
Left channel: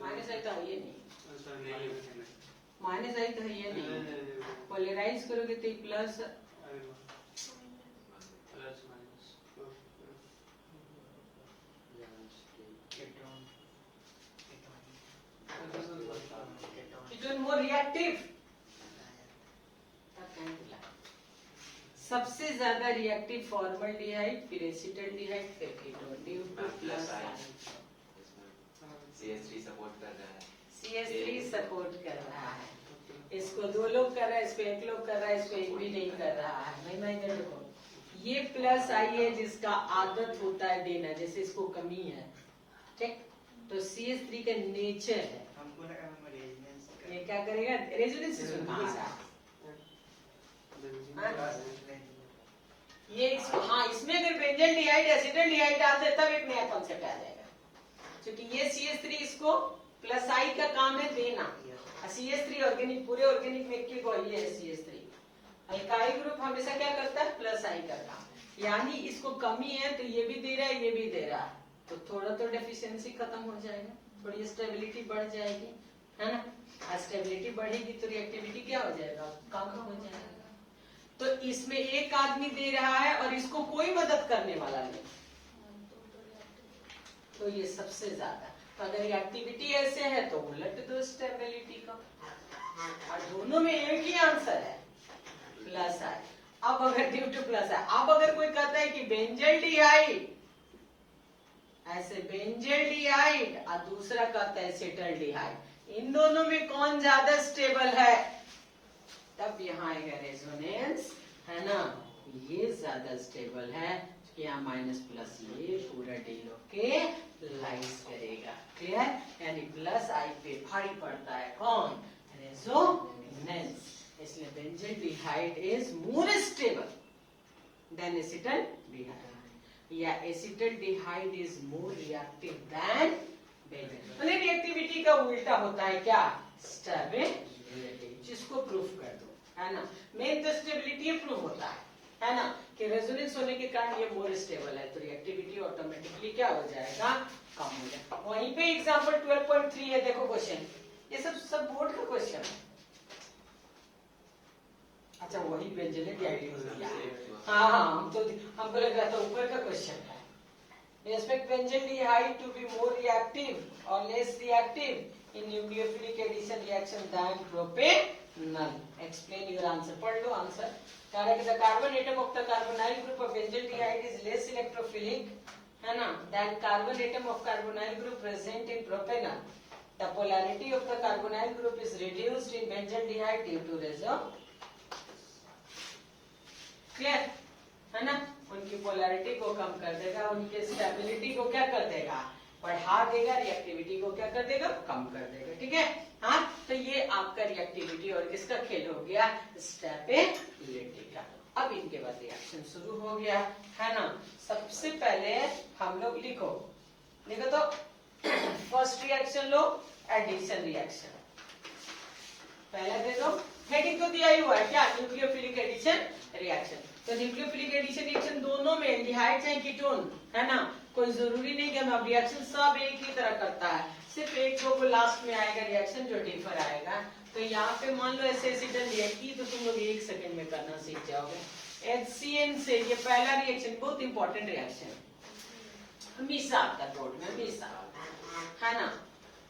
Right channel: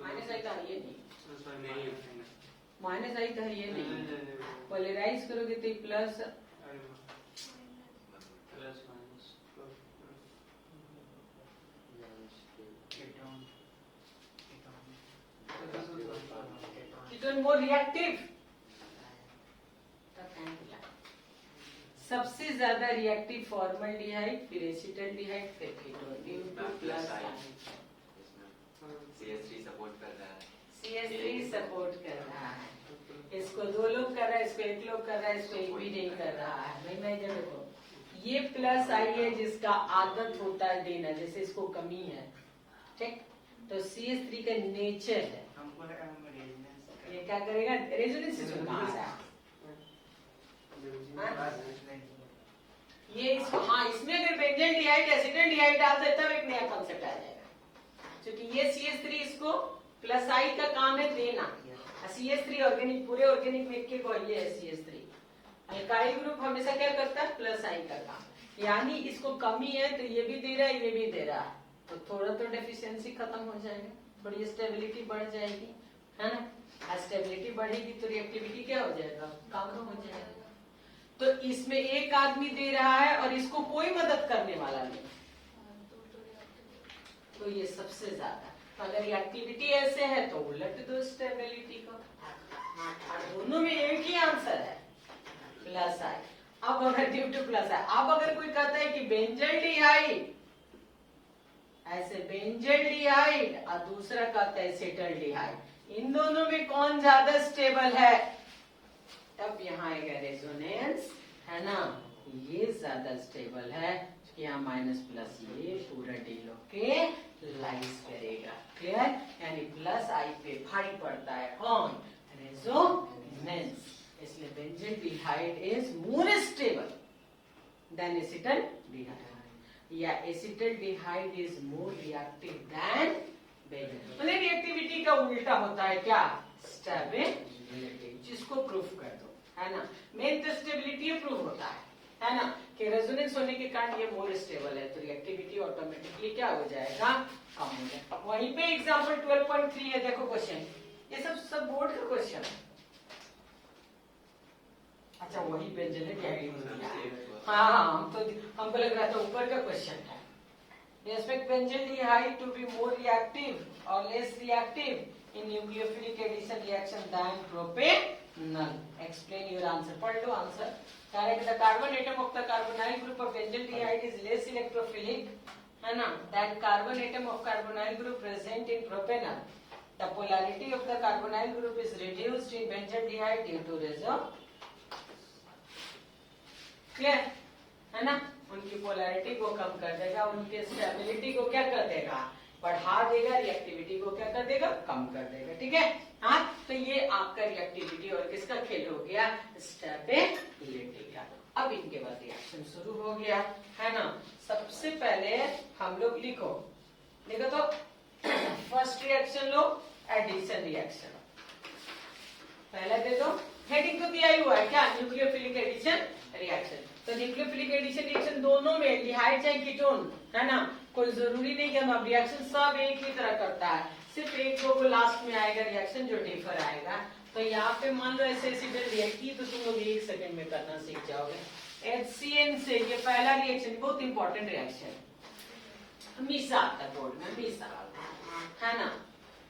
माइनस आई तो है ये नहीं, माइनस आई तो है ये नहीं। पोलराइज करोगे तो प्लस, कीटोन मोर रिएक्टिव। सबसे ज्यादा रिएक्टिव फॉर्मल्डिहाइड, फिर एसिटल्डिहाइड, फिर ketone. Due two plus CH3 support कर रहा है, CH3 सपोर्ट कर रहा है। इसको 2 लोग कर रहा है, इसको 1 लोग कर रहा है, इसको 1 भी नहीं कर रहा है। मैं देखो, ये प्लस आई है जिसका आदत होता है देना, जैसे इसको कमी है, ठीक, तो CH3 का नेचर है। हमको लगा हम रेजोनेंस ये क्या करेगा, रेजोनेंस सुनना। ये इसको, हाँ, इसमें अगर बेंजल्डिहाइड, एसिटल्डिहाइड डाल दे तब एक नया कॉन्सेप्ट आ जाएगा। क्योंकि ये CH3 इसको प्लस आई का काम है देना। CH3 ऑर्गेनिक, पूरे ऑर्गेनिक में एक को ये है CH3। अल्काइल ग्रुप हमेशा क्या करता है, प्लस आई का काम। यानी इसको कमी है तो ये भी दे रहा है, ये भी दे रहा है, तो थोड़ा तो डेफिशिएंसी खत्म हो जाएगा, थोड़ी स्टेबिलिटी बढ़ जाएगी, है ना। स्टेबिलिटी बढ़ेगी तो रिएक्टिविटी क्या हो जाएगा, कम हो जाएगा। तो इसमें एक आदमी दे रहा है और इसको कोई मदद करने वाला नहीं, तो ये सबसे ज्यादा। तो अगर रिएक्टिविटी ऐसे है तो उलट दो स्टेबिलिटी का, और दोनों में एक ही आंसर है, प्लस आई। अब अगर ड्यू टू प्लस आई, अब अगर कोई कहता है कि बेंजल्डिहाइड, ऐसे बेंजल्डिहाइड और दूसरा कहता है एसिटल्डिहाइड, इन दोनों में कौन ज्यादा स्टेबल है, तब यहाँ आएगा रेजोनेंस, है ना। ये ज्यादा स्टेबल है, यहाँ माइनस प्लस ये पूरा डील के लाइस करेगा, क्लियर। यानी प्लस आई पे भारी पड़ता है कौन, रेजोनेंस। इसलिए benzaldehyde is more stable than acetaldehyde, या acetaldehyde is more reactive than benzal. Reactivity का उल्टा होता है क्या, स्टेबिलिटी, जिसको प्रूफ कर दो, है ना। मेन तो स्टेबिलिटी प्रूफ होता है ना, कि रेजोनेंस होने के कारण ये मोर स्टेबल है, तो रिएक्टिविटी ऑटोमेटिकली क्या हो जाएगा, कम हो जाएगा। वहीं पे एग्जांपल 12.3 है, देखो क्वेश्चन, ये सब बोर्ड का क्वेश्चन है। अच्छा वही व्यंजन है रिएक्टिव हो गया। हाँ हमको लग रहा था ऊपर का क्वेश्चन है। We expect benzaldehyde to be more reactive or less reactive in nucleophilic addition reaction than propanol. Explain your answer. पढ़ लो answer. Correct. The carbon atom of the carbonyl group of benzaldehyde is less electrophilic, है ना, than carbon atom of carbonyl group present in propanol. The polarity of the carbonyl group is reduced in benzaldehyde due to resonance. Clear? है ना, उनकी polarity को कम कर देगा, उनके stability को क्या कर देगा, बढ़ा देगा, रिएक्टिविटी को क्या कर देगा, कम कर देगा। ठीक है, हाँ, तो ये आपका रिएक्टिविटी और किसका खेल हो गया, स्टेबिलिटी का। अब इनके बाद रिएक्शन शुरू हो गया, है ना। सबसे पहले हम लोग लिखो तो फर्स्ट रिएक्शन लो, एडिशन रिएक्शन। पहले दे दो, हेडिंग तो दिया ही हुआ है क्या, न्यूक्लियोफिलिक एडिशन रिएक्शन। तो न्यूक्लियोफिलिक एडिशन रिएक्शन दोनों में एल्डिहाइड चाहे कीटोन, है ना, कोई जरूरी नहीं कि हम रिएक्शन सब एक ही तरह करता है, सिर्फ एक दो को लास्ट में आएगा रिएक्शन जो डिफर आएगा। तो यहाँ पे मान लो ऐसे एसिड रिएक्टिव तो तुम लोग 1 सेकंड में करना सीख जाओगे। HCN से ये पहला रिएक्शन बहुत इंपॉर्टेंट रिएक्शन, हमेशा आता बोर्ड में, हमेशा, है ना।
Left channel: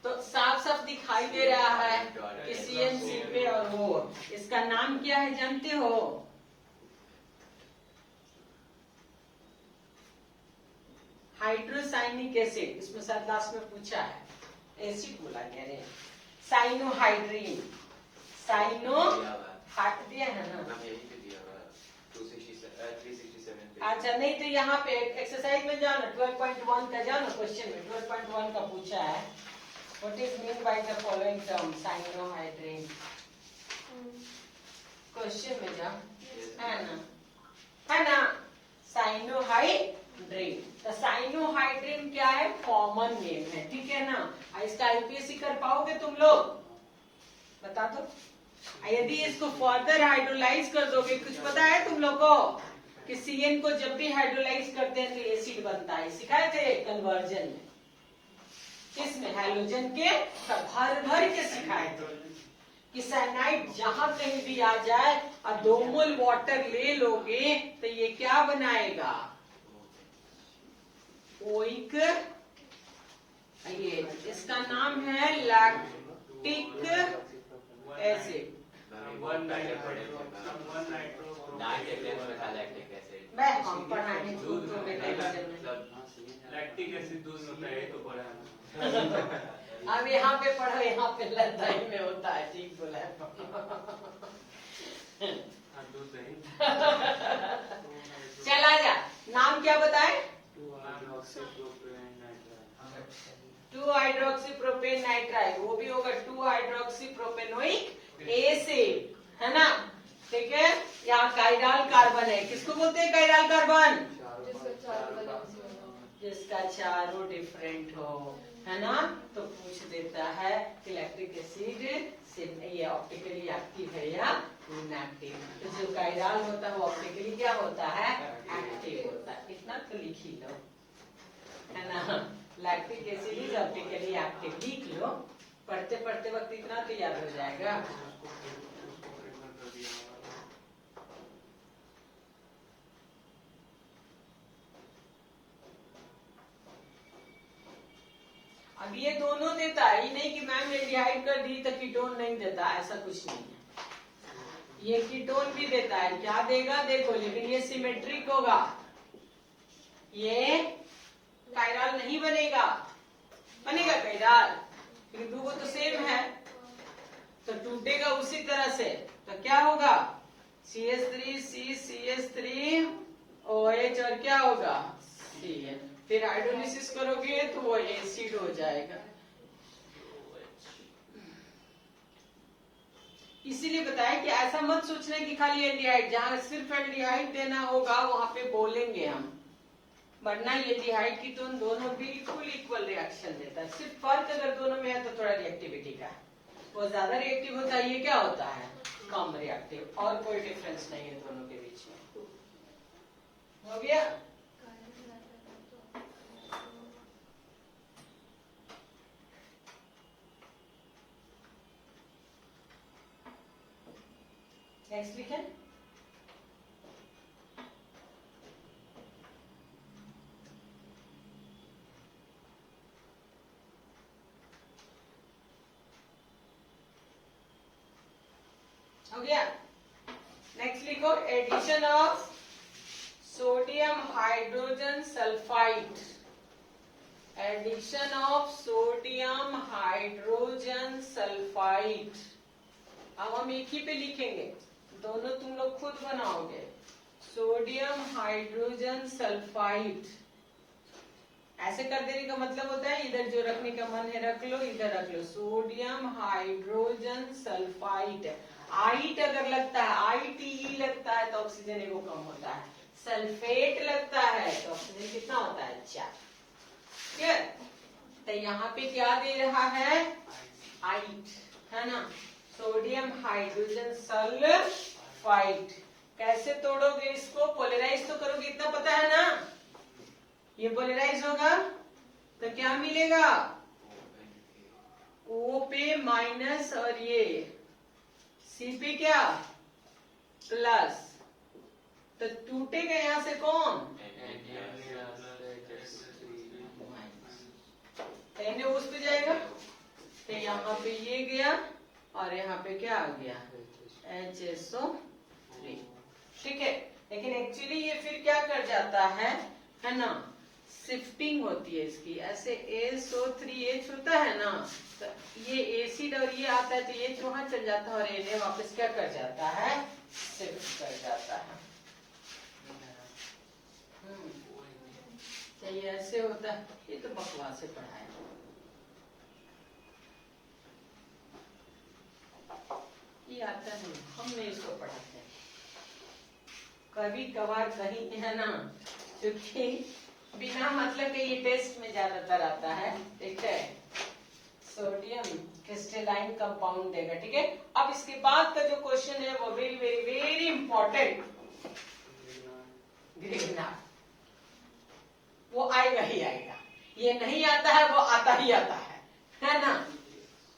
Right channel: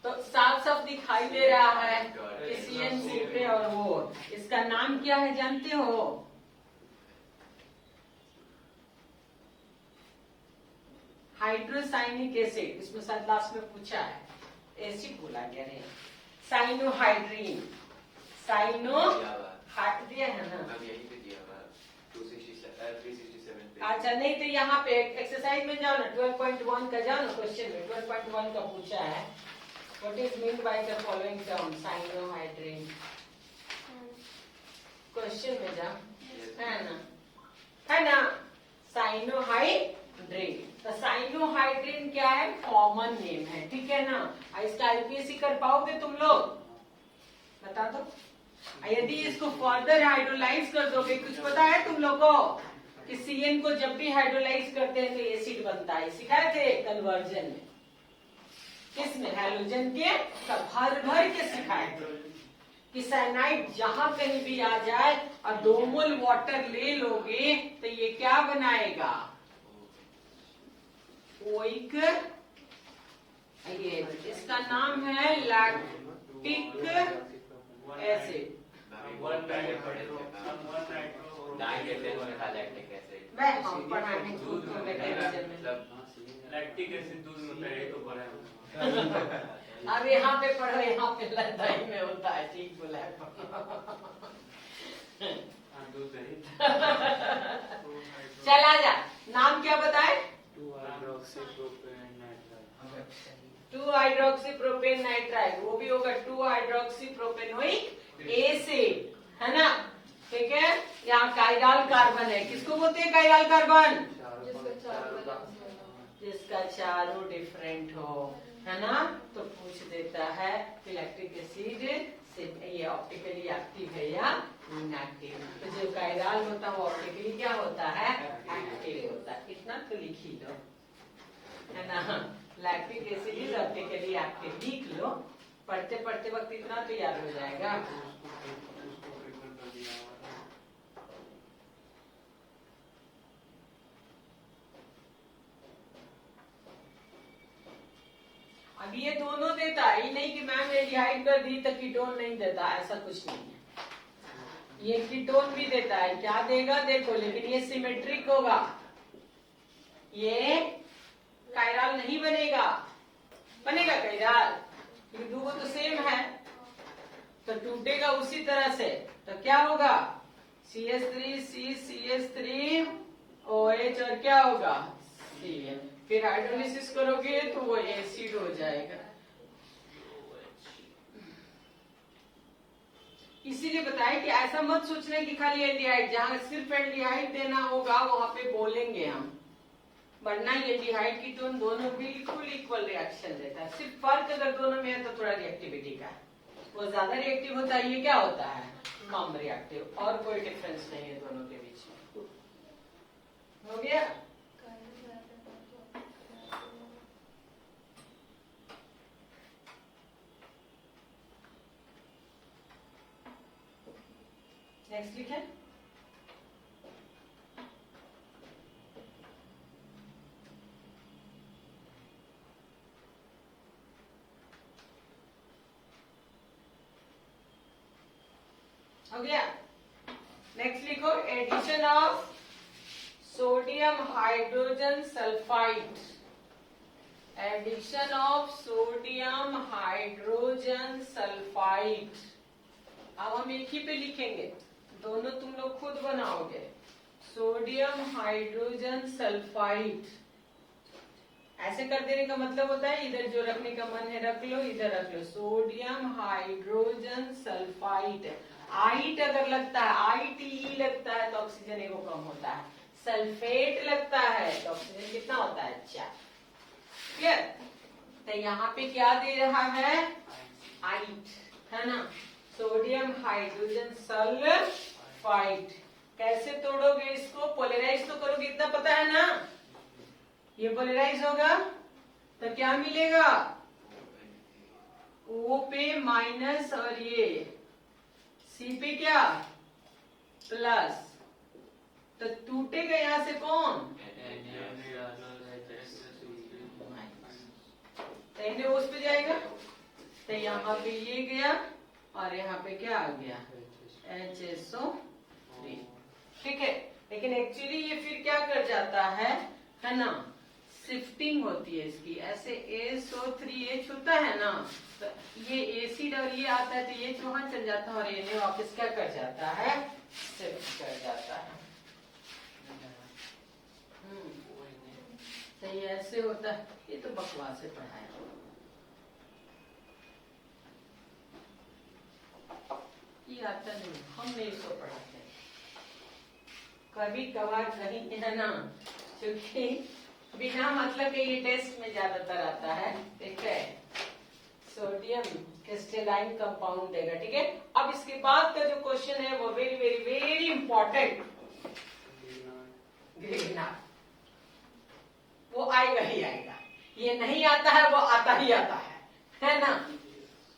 तो साफ साफ दिखाई दे रहा है कि CNC पे, और वो इसका नाम क्या है जानते हो, हाइड्रोसाइनिक एसिड। इसमें शायद लास्ट में पूछा है, एसिड बोला गया है, साइनोहाइड्रीन, साइनो हाइट दिया है ना, 367 पे। अच्छा नहीं तो यहाँ पे एक्सरसाइज में जाओ ना, 12.1 का जाओ ना, क्वेश्चन में 12.1 का पूछा है, what is mean by the following term, cyanohydrin, question में जाओ, है ना, साइनोहाइड्रीन। तो साइनोहाइड्रीन क्या है, कॉमन नेम है, ठीक है ना। इसका आईपीएससी कर पाओगे तुम लोग, बता दो। यदि इसको फर्दर हाइड्रोलाइज कर दोगे, कुछ पता है तुम लोग को कि CN को जब भी हाइड्रोलाइज करते हैं तो एसिड बनता है, सिखाए थे कन्वर्जन में, किसमें, हैलोजन के, सब भर भर के सिखाए थे कि साइनाइड जहां कहीं भी आ जाए और 2 मोल वाटर ले लोगे तो ये क्या बनाएगा, ओइक, ये इसका नाम है लैक्टिक एसिड। पढ़ाने लैक्टिक एसिड दूध में पहले तो पढ़े। अब यहाँ पे पढ़ो, यहाँ पे लद्दाई में होता है, ठीक बोला है। दूध नहीं। चला जा, नाम क्या बताए, 2-हाइड्रोक्सीप्रोपेन नाइट्राइल, वो भी होगा 2-हाइड्रोक्सीप्रोपेनोइक एसिड, है ना, ठीक है। यहाँ काइराल कार्बन है, किसको बोलते हैं काइराल कार्बन, जिसका चारों डिफरेंट हो, है ना। तो पूछ देता है कि लैक्टिक एसिड से ये ऑप्टिकली एक्टिव है या इनएक्टिव। तो जो काइराल होता है वो ऑप्टिकली क्या होता है, एक्टिव होता है, इतना तो लिख ही लो, है ना। Lactic acid is optically active, लिख लो, पढ़ते पढ़ते वक्त इतना तो याद हो जाएगा। अब ये दोनों देता है, ये नहीं कि मैम एल्डिहाइड कर दी तो कीटोन नहीं देता, ऐसा कुछ नहीं है। ये कीटोन भी देता है, क्या देगा देखो, लेकिन ये सिमेट्रिक होगा, ये काइराल नहीं बनेगा, बनेगा काइराल, लेकिन दो तो सेम है तो टूटेगा उसी तरह से। तो क्या होगा, CH3C CH3 OH और क्या होगा, CN, फिर हाइड्रोलिसिस करोगे तो वो एसिड हो जाएगा। इसीलिए बताया कि ऐसा मत सोचना कि खाली एल्डिहाइड, जहां सिर्फ एल्डिहाइड देना होगा वहां पे बोलेंगे हम, वरना एल्डिहाइड कीटोन दोनों बिल्कुल इक्वल रिएक्शन देता है। सिर्फ फर्क अगर दोनों में है तो थोड़ा रिएक्टिविटी का है, वो ज्यादा रिएक्टिव होता है, ये क्या होता है, कम रिएक्टिव, और कोई डिफरेंस नहीं है दोनों के बीच में। हो गया, नेक्स्ट लिखें। हो गया। नेक्स्ट लिखो addition of sodium hydrogen sulphide, addition of sodium hydrogen sulphide. अब हम एक ही पे लिखेंगे, दोनों तुम लोग खुद बनाओगे। सोडियम हाइड्रोजन सल्फाइड, ऐसे कर देने का मतलब होता है इधर जो रखने का मन है रख लो, इधर रख लो। सोडियम हाइड्रोजन सल्फाइड, आइट अगर लगता है, ITE लगता है तो ऑक्सीजन एगो कम होता है, सल्फेट लगता है तो ऑक्सीजन कितना होता है, 4। क्लियर? तो यहाँ पे क्या दे रहा है, आइट, है ना। Sodium hydrogen sulphide. कैसे तोड़ोगे इसको, पोलराइज तो करोगे, इतना पता है ना। ये पोलराइज होगा तो क्या मिलेगा, O पे माइनस और ये C पे क्या प्लस, तो टूटेगा यहां से कौन, तो उस पे जाएगा, तो यहाँ पे ये गया और यहाँ पे क्या आ गया, HSO3। ठीक है, लेकिन एक्चुअली ये फिर क्या कर जाता है ना, शिफ्टिंग होती है इसकी, ऐसे SO3H होता है ना, तो ये एसिड और ये आता है तो ये वहां चल जाता है और ये वापस क्या कर जाता है, शिफ्ट कर जाता है। तो ये ऐसे होता है, ये तो बकवास से पढ़ाया। ये आता नहीं, हमने इसको पढ़ाते हैं कभी कभार कहीं, है ना, क्योंकि बिना मतलब के ये टेस्ट में ज्यादातर आता है। ठीक है, सोडियम क्रिस्टलाइन कंपाउंड देगा। ठीक है, अब इसके बाद का जो क्वेश्चन है वो very very very important, Grignard, वो आएगा ही आएगा, ये नहीं आता है वो आता ही आता है ना।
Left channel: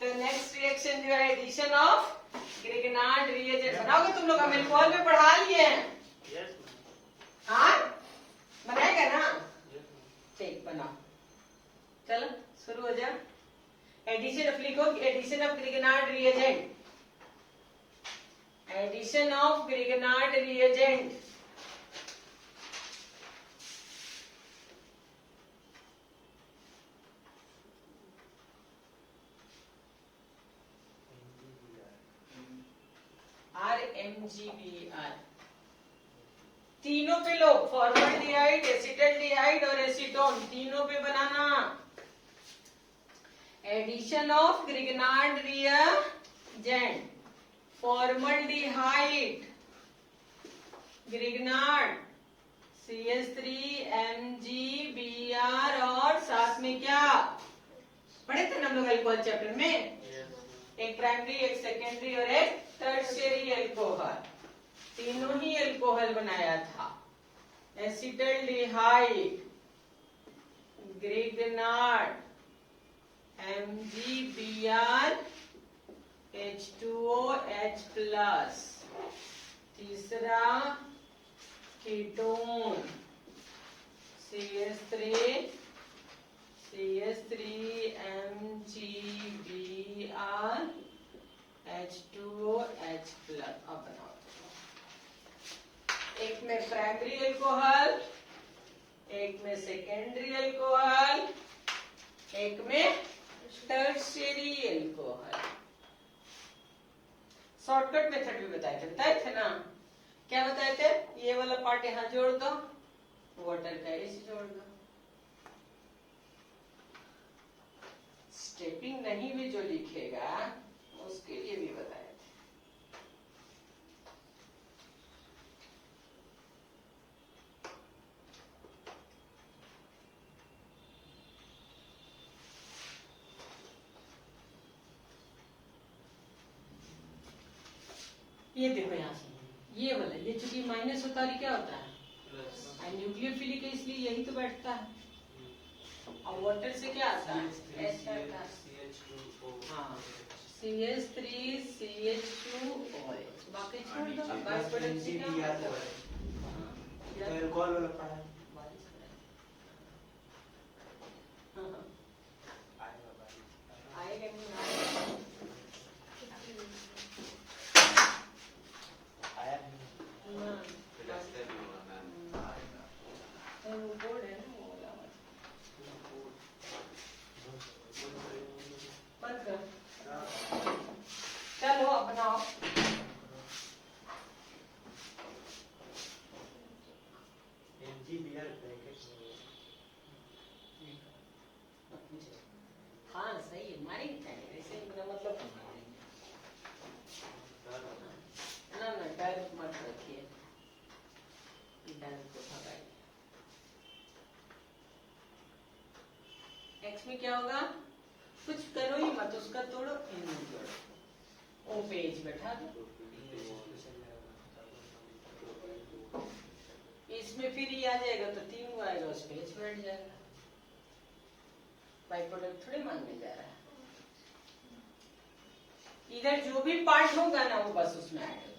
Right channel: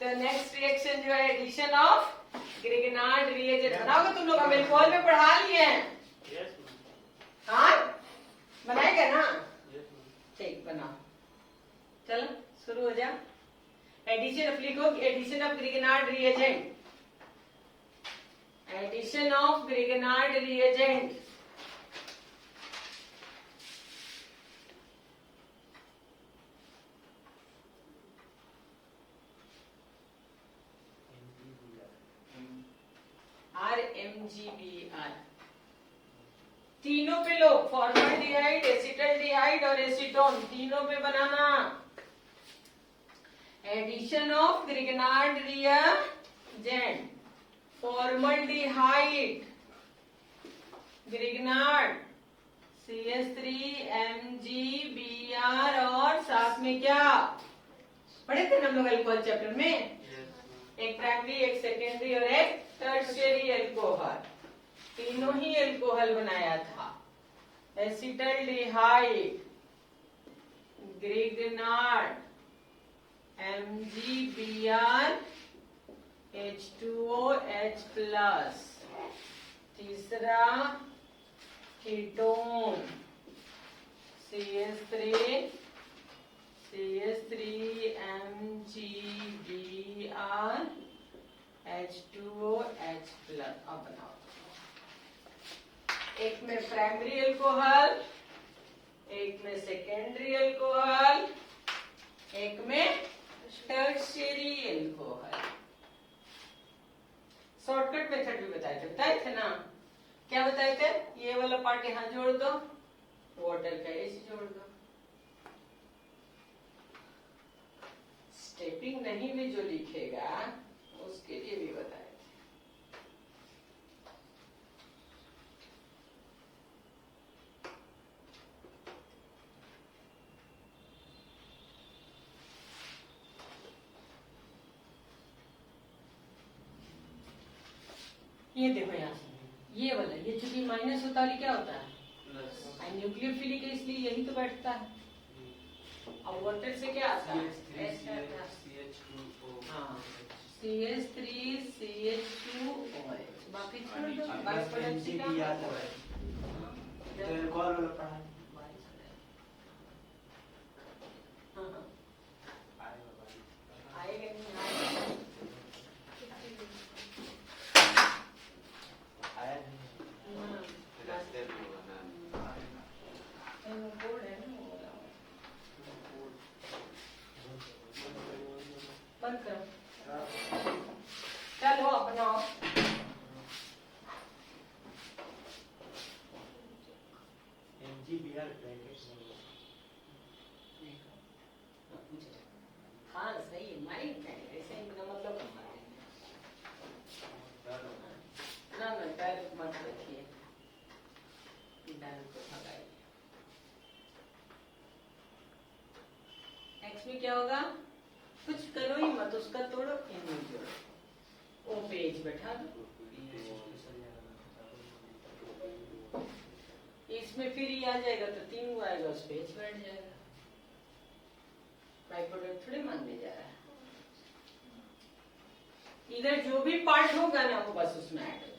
तो नेक्स्ट रिएक्शन जो है एडिशन ऑफ ग्रिग्नार्ड रिएजेंट। बनाओगे तुम लोग, हम एल्कोहल में पढ़ा लिए हैं, हाँ बनाएगा ना, ठीक बनाओ, चलो शुरू हो जाए। एडिशन ऑफ लिखो, addition of Grignard reagent, addition of Grignard reagent. RMGBR, तीनों पे लो, फॉर्मल्डिहाइड, एसिटल्डिहाइड और एसीटोन, तीनों पे बनाना। Addition of Grignard reagent, formaldehyde, Grignard, CH3 MgBr और साथ में क्या पढ़े थे ना हम लोग अल्कोहल चैप्टर में, एक प्राइमरी, एक सेकेंडरी और एक टर्शियरी अल्कोहल, तीनों ही अल्कोहल बनाया था। Acetaldehyde, Grignard, MgBr, H2O H+, तीसरा ketone CH3 MgBr, H2O H+। अब बनाओ, एक में प्राइमरी अल्कोहल, एक में सेकेंडरी अल्कोहल, एक में टर्शियरी अल्कोहल। शॉर्टकट मेथड भी बताए थे ना, क्या बताए थे, ये वाला पार्ट यहाँ जोड़ दो, वाटर का H जोड़ दो, स्टेपिंग नहीं भी जो लिखेगा उसके लिए भी बताए थे। ये देखो यहाँ से, ये वाला, ये चूंकि माइनस होता है क्या होता है, न्यूक्लियोफिलिक है, इसलिए यही तो बैठता है। और वाटर से क्या आता है, हाँ CH3 CH2OH, बाकी छोड़ दो, बाकी प्रोडक्ट से क्या आएगा नहीं आएगा। हाँ सही है, मारेंगे ऐसे ही, मेरा मतलब हम मारेंगे ना ना, डायरेक्ट मत रखिए, डायरेक्ट को भगाइए। नेक्स्ट में क्या होगा, कुछ करो ही मत, उसका तोड़ो, इन्हें जोड़ो, ओ पेज बैठा दो, इसमें फिर ये आ जाएगा तो 3 को आएगा, उस पेज बैठ जाएगा। बाई प्रोडक्ट थोड़ी मानने जा रहा है, इधर जो भी पार्ट होगा ना वो बस उसमें ऐड हो जाएगा।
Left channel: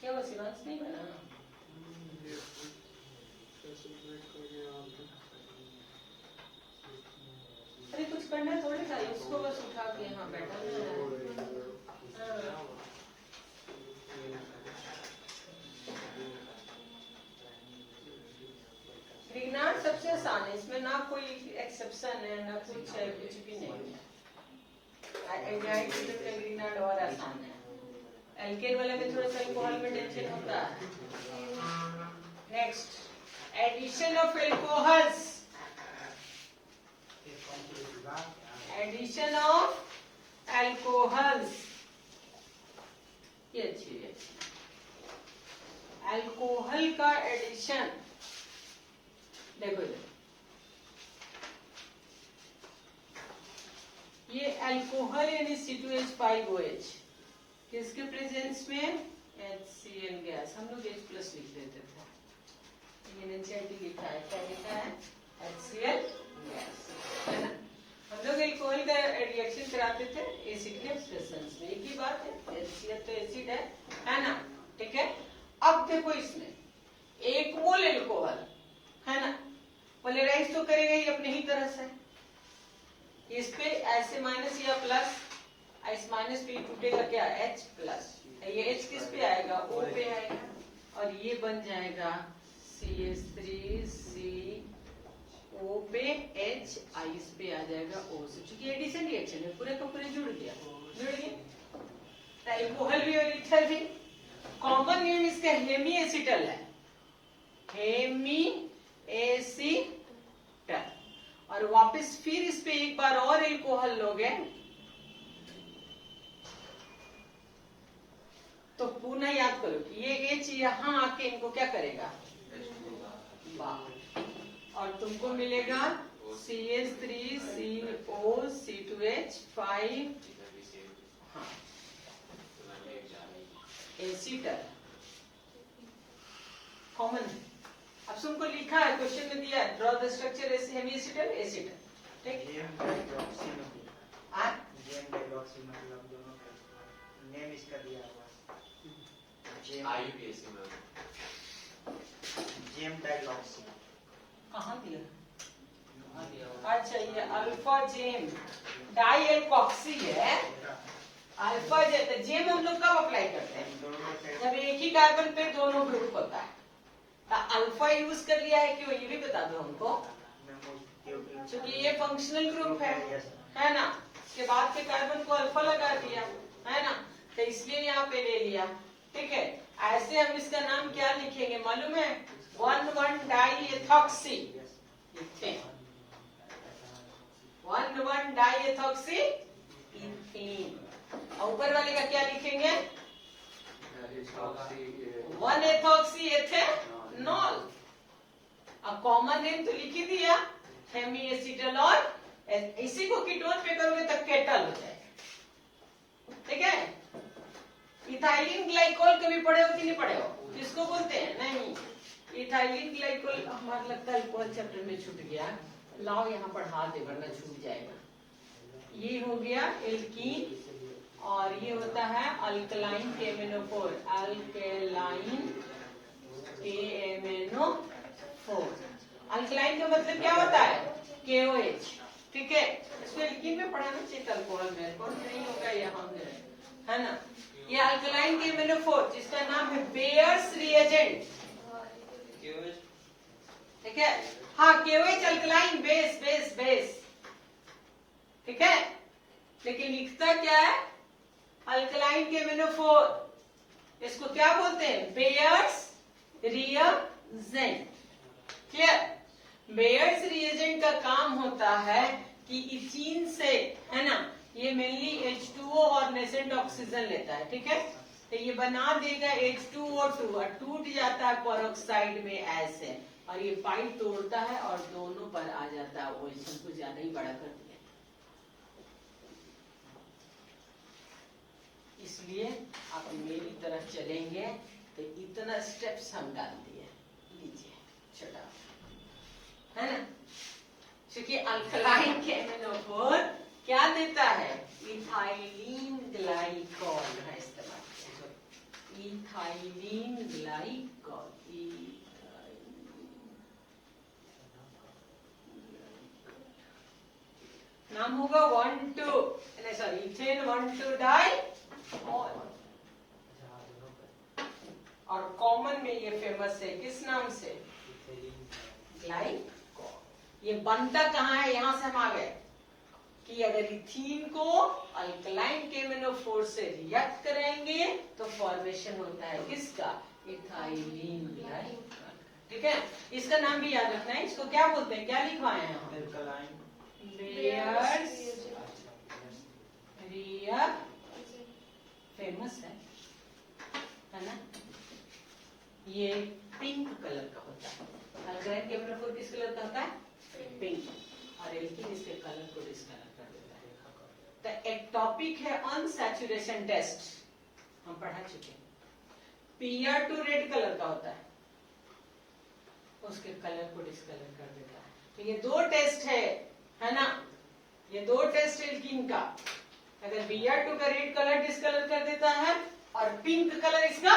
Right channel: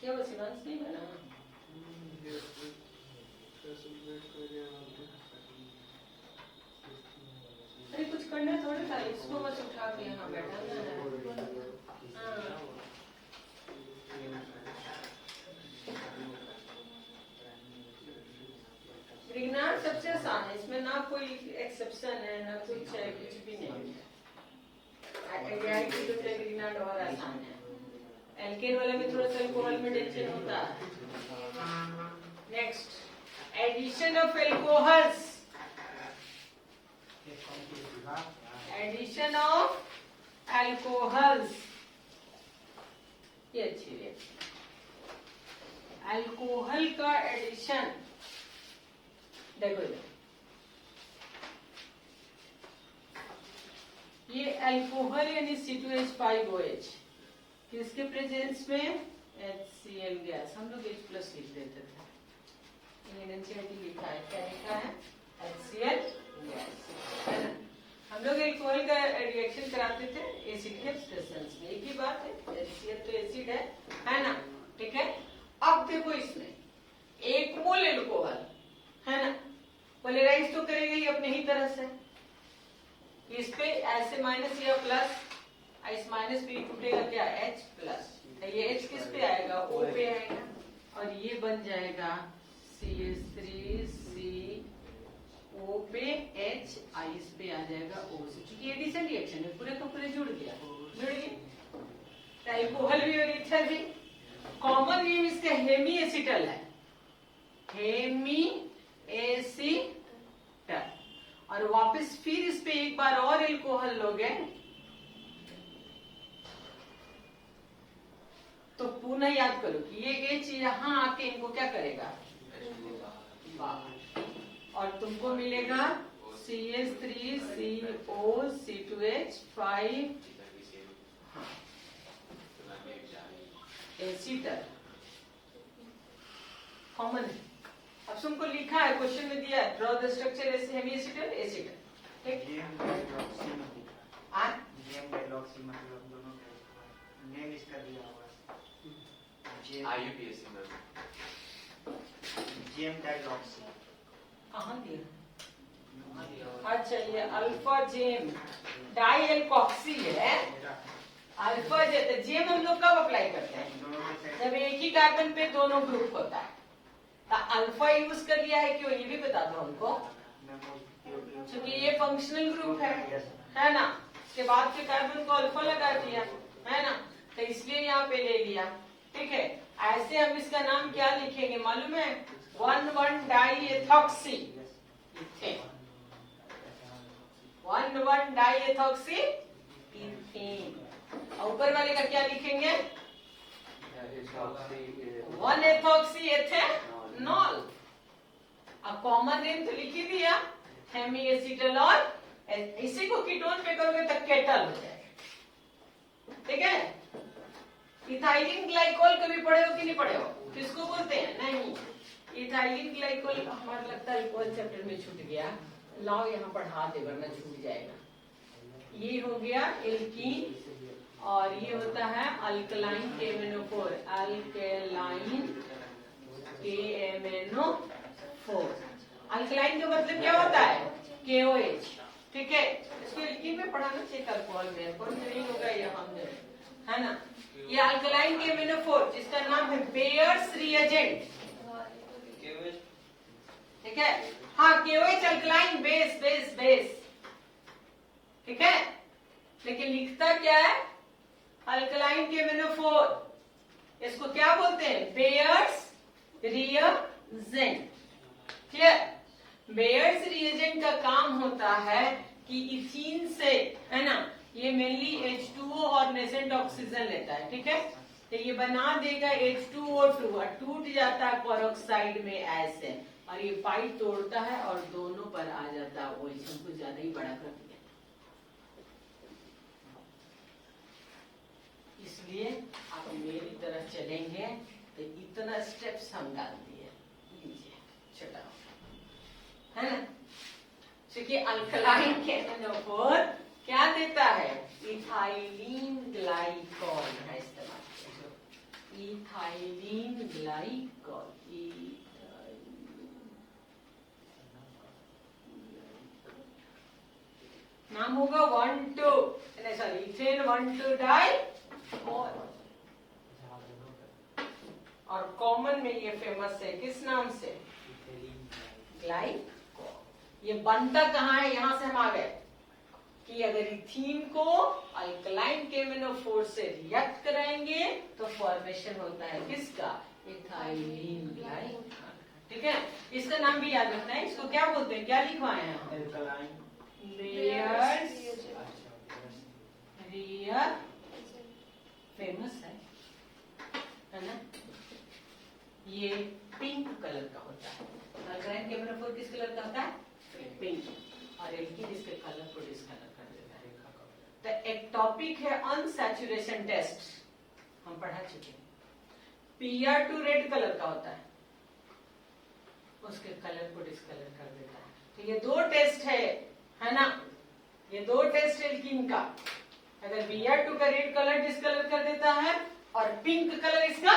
क्या वो सिलेंस नहीं बना? अरे कुछ करना थोड़ी था, इसको बस उठा के यहाँ बैठाना है। हाँ। रिग्नार्ड सबसे आसान है, इसमें ना कोई एक्सेप्शन है ना कुछ है, कुछ भी नहीं है। रिग्नार्ड और आसान है, एल्केन वाले में थोड़ा सा अल्कोहल में टेंशन होता है। Next, addition of alcohols, addition of alcohols, ये अच्छी है, अल्कोहल का एडिशन। देखो ये अल्कोहल यानी C2H5OH, किसके प्रेजेंस में, HCl गैस, हम लोग H+ लिख देते थे, ये नीचे लिखा है, क्या लिखा है, HCl गैस, है ना। हम लोग एल्कोहल का रिएक्शन कराते थे एसिड के प्रेजेंस में, एक ही बात है, HCl तो एसिड है ना, ठीक है। अब देखो इसमें 1 मोल एल्कोहल है ना, पोलराइज तो करेगा ही अपने ही तरह से, इस पे ऐसे माइनस या प्लस, इस माइनस पे टूटेगा क्या, H+, ये H किस पे आएगा, O पे आएगा, और ये बन जाएगा CH3CO पे H, इस पे आ जाएगा O से, क्योंकि एडिशन रिएक्शन है, पूरे को पूरे जुड़ गया, जुड़ गए। एल्कोहल भी और ईथर भी, कॉमन नेम इसका हेमी एसिटल है, हेमी एसिटल, और वापस फिर इस पे एक बार और एल्कोहल लोगे तो पुनः याद करो कि ये H यहाँ आके इनको क्या करेगा, और तुमको मिलेगा CH3CO C2H5, हाँ एसिटर, कॉमन है। अब तुमको लिखा है, क्वेश्चन में दिया है, ड्रॉ द स्ट्रक्चर हेमी एसिटर, एसिटर, ठीक। मतलब दोनों नेम इसका दिया हुआ IUPAC में GM डाइलॉक्सी, कहाँ दिया, अच्छा ये अल्फा जेम डाई एल्कोक्सी है, अल्फा जेम हम लोग कब अप्लाई करते हैं, जब एक ही कार्बन पे दोनों ग्रुप होता है, तो अल्फा यूज कर लिया है क्यों, ये भी बता दो हमको, क्योंकि ये फंक्शनल ग्रुप है ना, इसके बाद के कार्बन को अल्फा लगा दिया है ना, तो इसलिए यहाँ पे ले लिया, ठीक है। ऐसे हम इसका नाम क्या लिखेंगे मालूम है, 1,1-डाईएथॉक्सी, 1,1-डाईएथॉक्सी इथेन, और ऊपर वाले का क्या लिखेंगे, 1-एथॉक्सी एथेनॉल। अब कॉमन नेम तो लिख ही दिया, हेमी एसिटल, और इसी को कीटोन पे करोगे तो केटल हो जाएगा, ठीक है। इथाइलिन ग्लाइकोल कभी पढ़े हो कि नहीं पढ़े हो, किसको बोलते हैं, नहीं, इथाइलिन ग्लाइकोल हमारा लगता है अल्कोहल चैप्टर में छूट गया, लाओ यहाँ पढ़ा दे वरना छूट जाएगा। ये हो गया एल्कीन, और ये होता है alkaline KMnO4, alkaline KMnO4। Alkaline का मतलब क्या होता है, KOH, ठीक है, इसको लिखिन में पढ़ाना चाहिए अल्कोहल में, कौन से नहीं होगा ये हमने, है ना। ये अल्कलाइन KMnO4 जिसका नाम है बेयर्स रिएजेंट, ठीक है। हाँ, KOH alkaline base base base, ठीक है, लेकिन लिखता क्या है, अल्कलाइन KMnO4। इसको क्या बोलते हैं, bears reagent, clear. Bears reagent का काम होता है कि इथीन से, है ना, ये मेनली H2O और नेसेंट ऑक्सीजन लेता है, ठीक है। तो ये बना देगा H2O2 और टूट जाता है पेरोक्साइड में ऐसे, और ये पाइप तोड़ता है और दोनों पर आ जाता है OH, कुछ ज्यादा ही बड़ा कर दिया। इसलिए आप मेरी तरफ चलेंगे तो इतना स्टेप्स हम डाल दिए, लीजिए छोटा, है ना। क्योंकि अल्कलाइन KMnO4 क्या देता है, इथाइलिन ग्लाइकॉल है इस्तेमाल, इथाइलिन ग्लाइकॉल, नाम होगा 1,2 सॉरी इथेन 1,2 डाई, और कॉमन में ये फेमस है किस नाम से, ग्लाइकॉल। ये बनता कहाँ है, यहां से हम आ गए कि अगर इथीन को अल्कलाइन KMnO4 से रिएक्ट कराएंगे तो फॉर्मेशन होता है किसका, इथाइलिन ग्लाइकॉल, ठीक है। इसका नाम भी याद रखना है, इसको क्या बोलते हैं, क्या लिखवाए हैं हम, बेयर्स रिएजेंट, फेमस है ना। ये पिंक कलर का होता है, अल्कलाइन KMnO4 किस कलर का होता है, पिंक, और एल्कीन इसके कलर को डिस्कलर कर देता है। तो एक टॉपिक है अनसैचुरेशन टेस्ट, हम पढ़ा चुके हैं। PR2 रेड कलर का होता है, उसके कलर को डिस्कलर कर देता है। तो ये दो टेस्ट है ना, ये दो टेस्ट एल्कीन का, अगर PR2 का रेड कलर डिस्कलर कर देता है और पिंक कलर इसका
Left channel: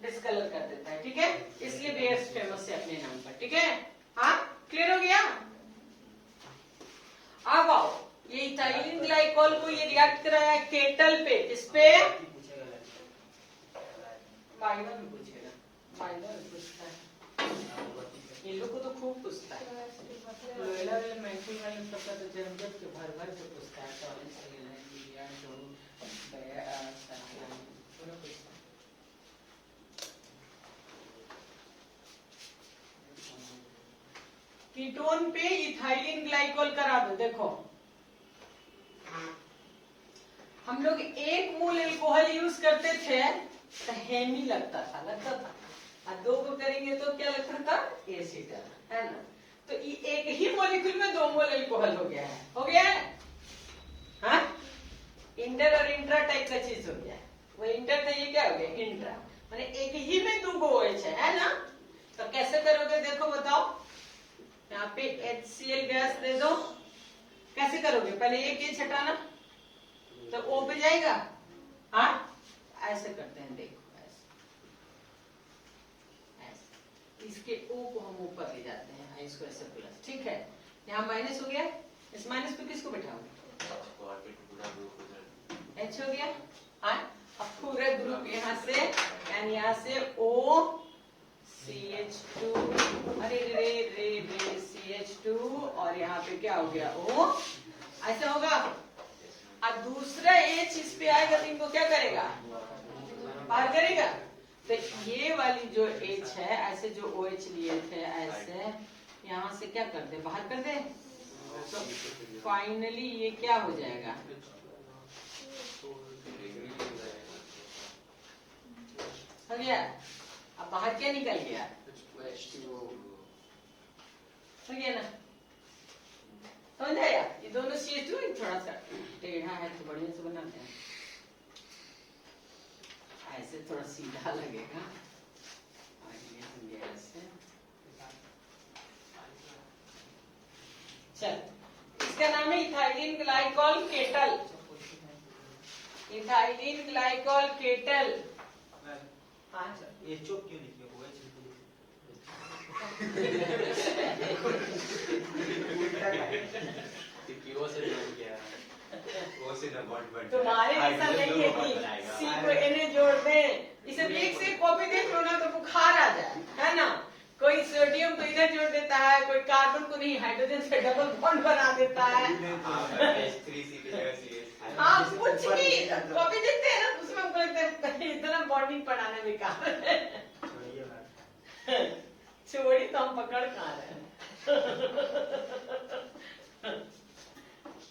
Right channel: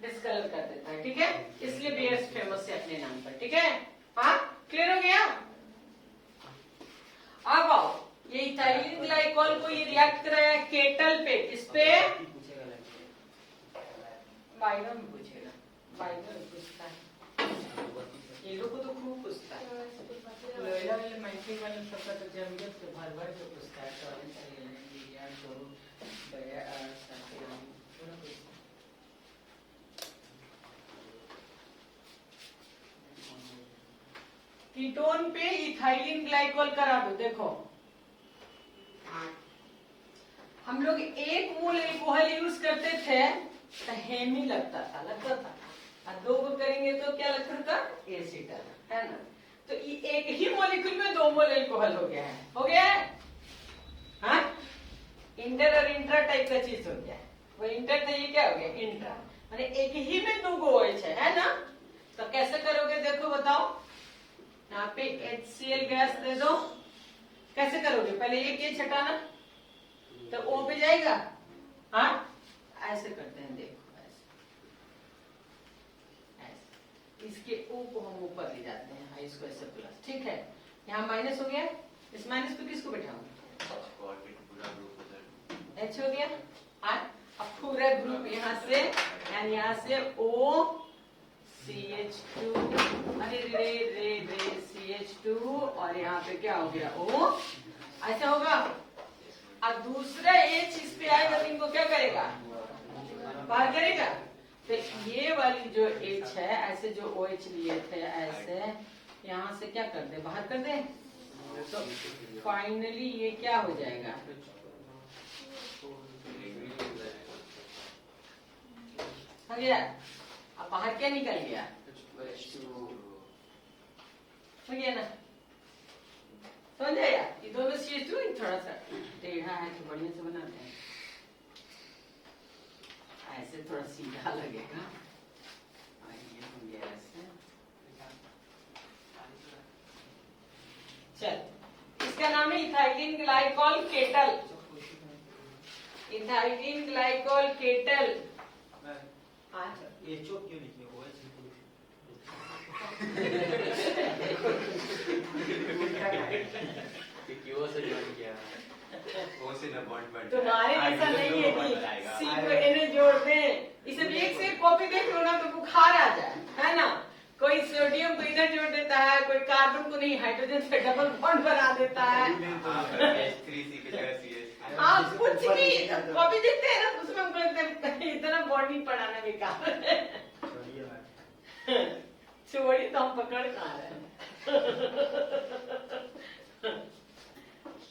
डिस्कलर कर देता है, ठीक है। इसलिए बेयर्स फेमस है अपने नाम पर, ठीक है। हाँ, क्लियर हो गया। अब आओ, ये इथाइलिन ग्लाइकॉल को ये रिएक्ट कराया केटल पे, किस पे, बाइनर में पूछेगा, बाइनर में पूछता है, ये लोग को तो खूब पूछता है, लोयला वाले मैंटी वाले पता तो जम के भर भर के पूछता है, कीटोन पे इथाइलिन ग्लाइकॉल करा दो। देखो हम लोग 1 मोल अल्कोहल यूज करते थे तो हेमी लगता था, और 2 को करेंगे तो क्या लगता था, एसिटर, है ना। तो एक ही मॉलिक्यूल में 2 मोल अल्कोहल हो गया है, हो गया है, हाँ? इंटर और इंट्रा टाइप का चीज हो गया है। वो इंटर था, ये क्या हो गया, इंट्रा, माने एक ही में 2 OH है ना। तो कैसे करोगे, देखो बताओ, यहाँ पे HCl गैस दे दो, कैसे करोगे, पहले एक ये छटाना तो O पे जाएगा, हाँ ऐसे करते हैं, देखो ऐसे इसके O को हम ऊपर ले जाते हैं, इसको ऐसे प्लस, ठीक है। यहाँ माइनस हो गया, इस माइनस पे किसको बैठाओगे, H हो गया, हाँ। अब पूरा ग्रुप यहाँ से एंड यहाँ से O CH2, अरे रे रे रे CH2, और यहाँ पे क्या हो गया, O, ऐसा होगा। और दूसरा H इस पे आएगा तो इनको क्या करेगा, बाहर करेगा। तो ये वाली जो H है, ऐसे जो OH लिए थे ऐसे, यहाँ से क्या कर दे, बाहर कर दे, तो फाइनली ये क्या हो जाएगा, हो गया। अब बाहर क्या निकल गया, हो गया ना, समझ आया। ये दोनों CH2 थोड़ा सा टेढ़ा है तो बढ़िया से बनाते हैं, ऐसे थोड़ा सीधा लगेगा, ये ऐसे। चल, इसका नाम है ethylene glycol kettle, ethylene glycol kettle. ये चुप क्यों नहीं किया, उल्टा है। वो से ज्वाइन किया वो से न बॉन्ड बन तुम्हारे ऐसा नहीं है कि सी को एन जोड़ दे, इसे एक से कॉपी देख लो ना तो बुखार आ जाए, है ना। कोई सोडियम को इधर जोड़ देता है, कोई कार्बन को नहीं हाइड्रोजन से डबल बॉन्ड बना देता है। H3C की जगह CH3। हाँ कुछ भी कॉपी देखते हैं ना, उसमें हमको लगता है इतना बॉन्डिंग पढ़ाना बेकार है। छोड़ी तो हम पकड़ कहाँ रहे हैं।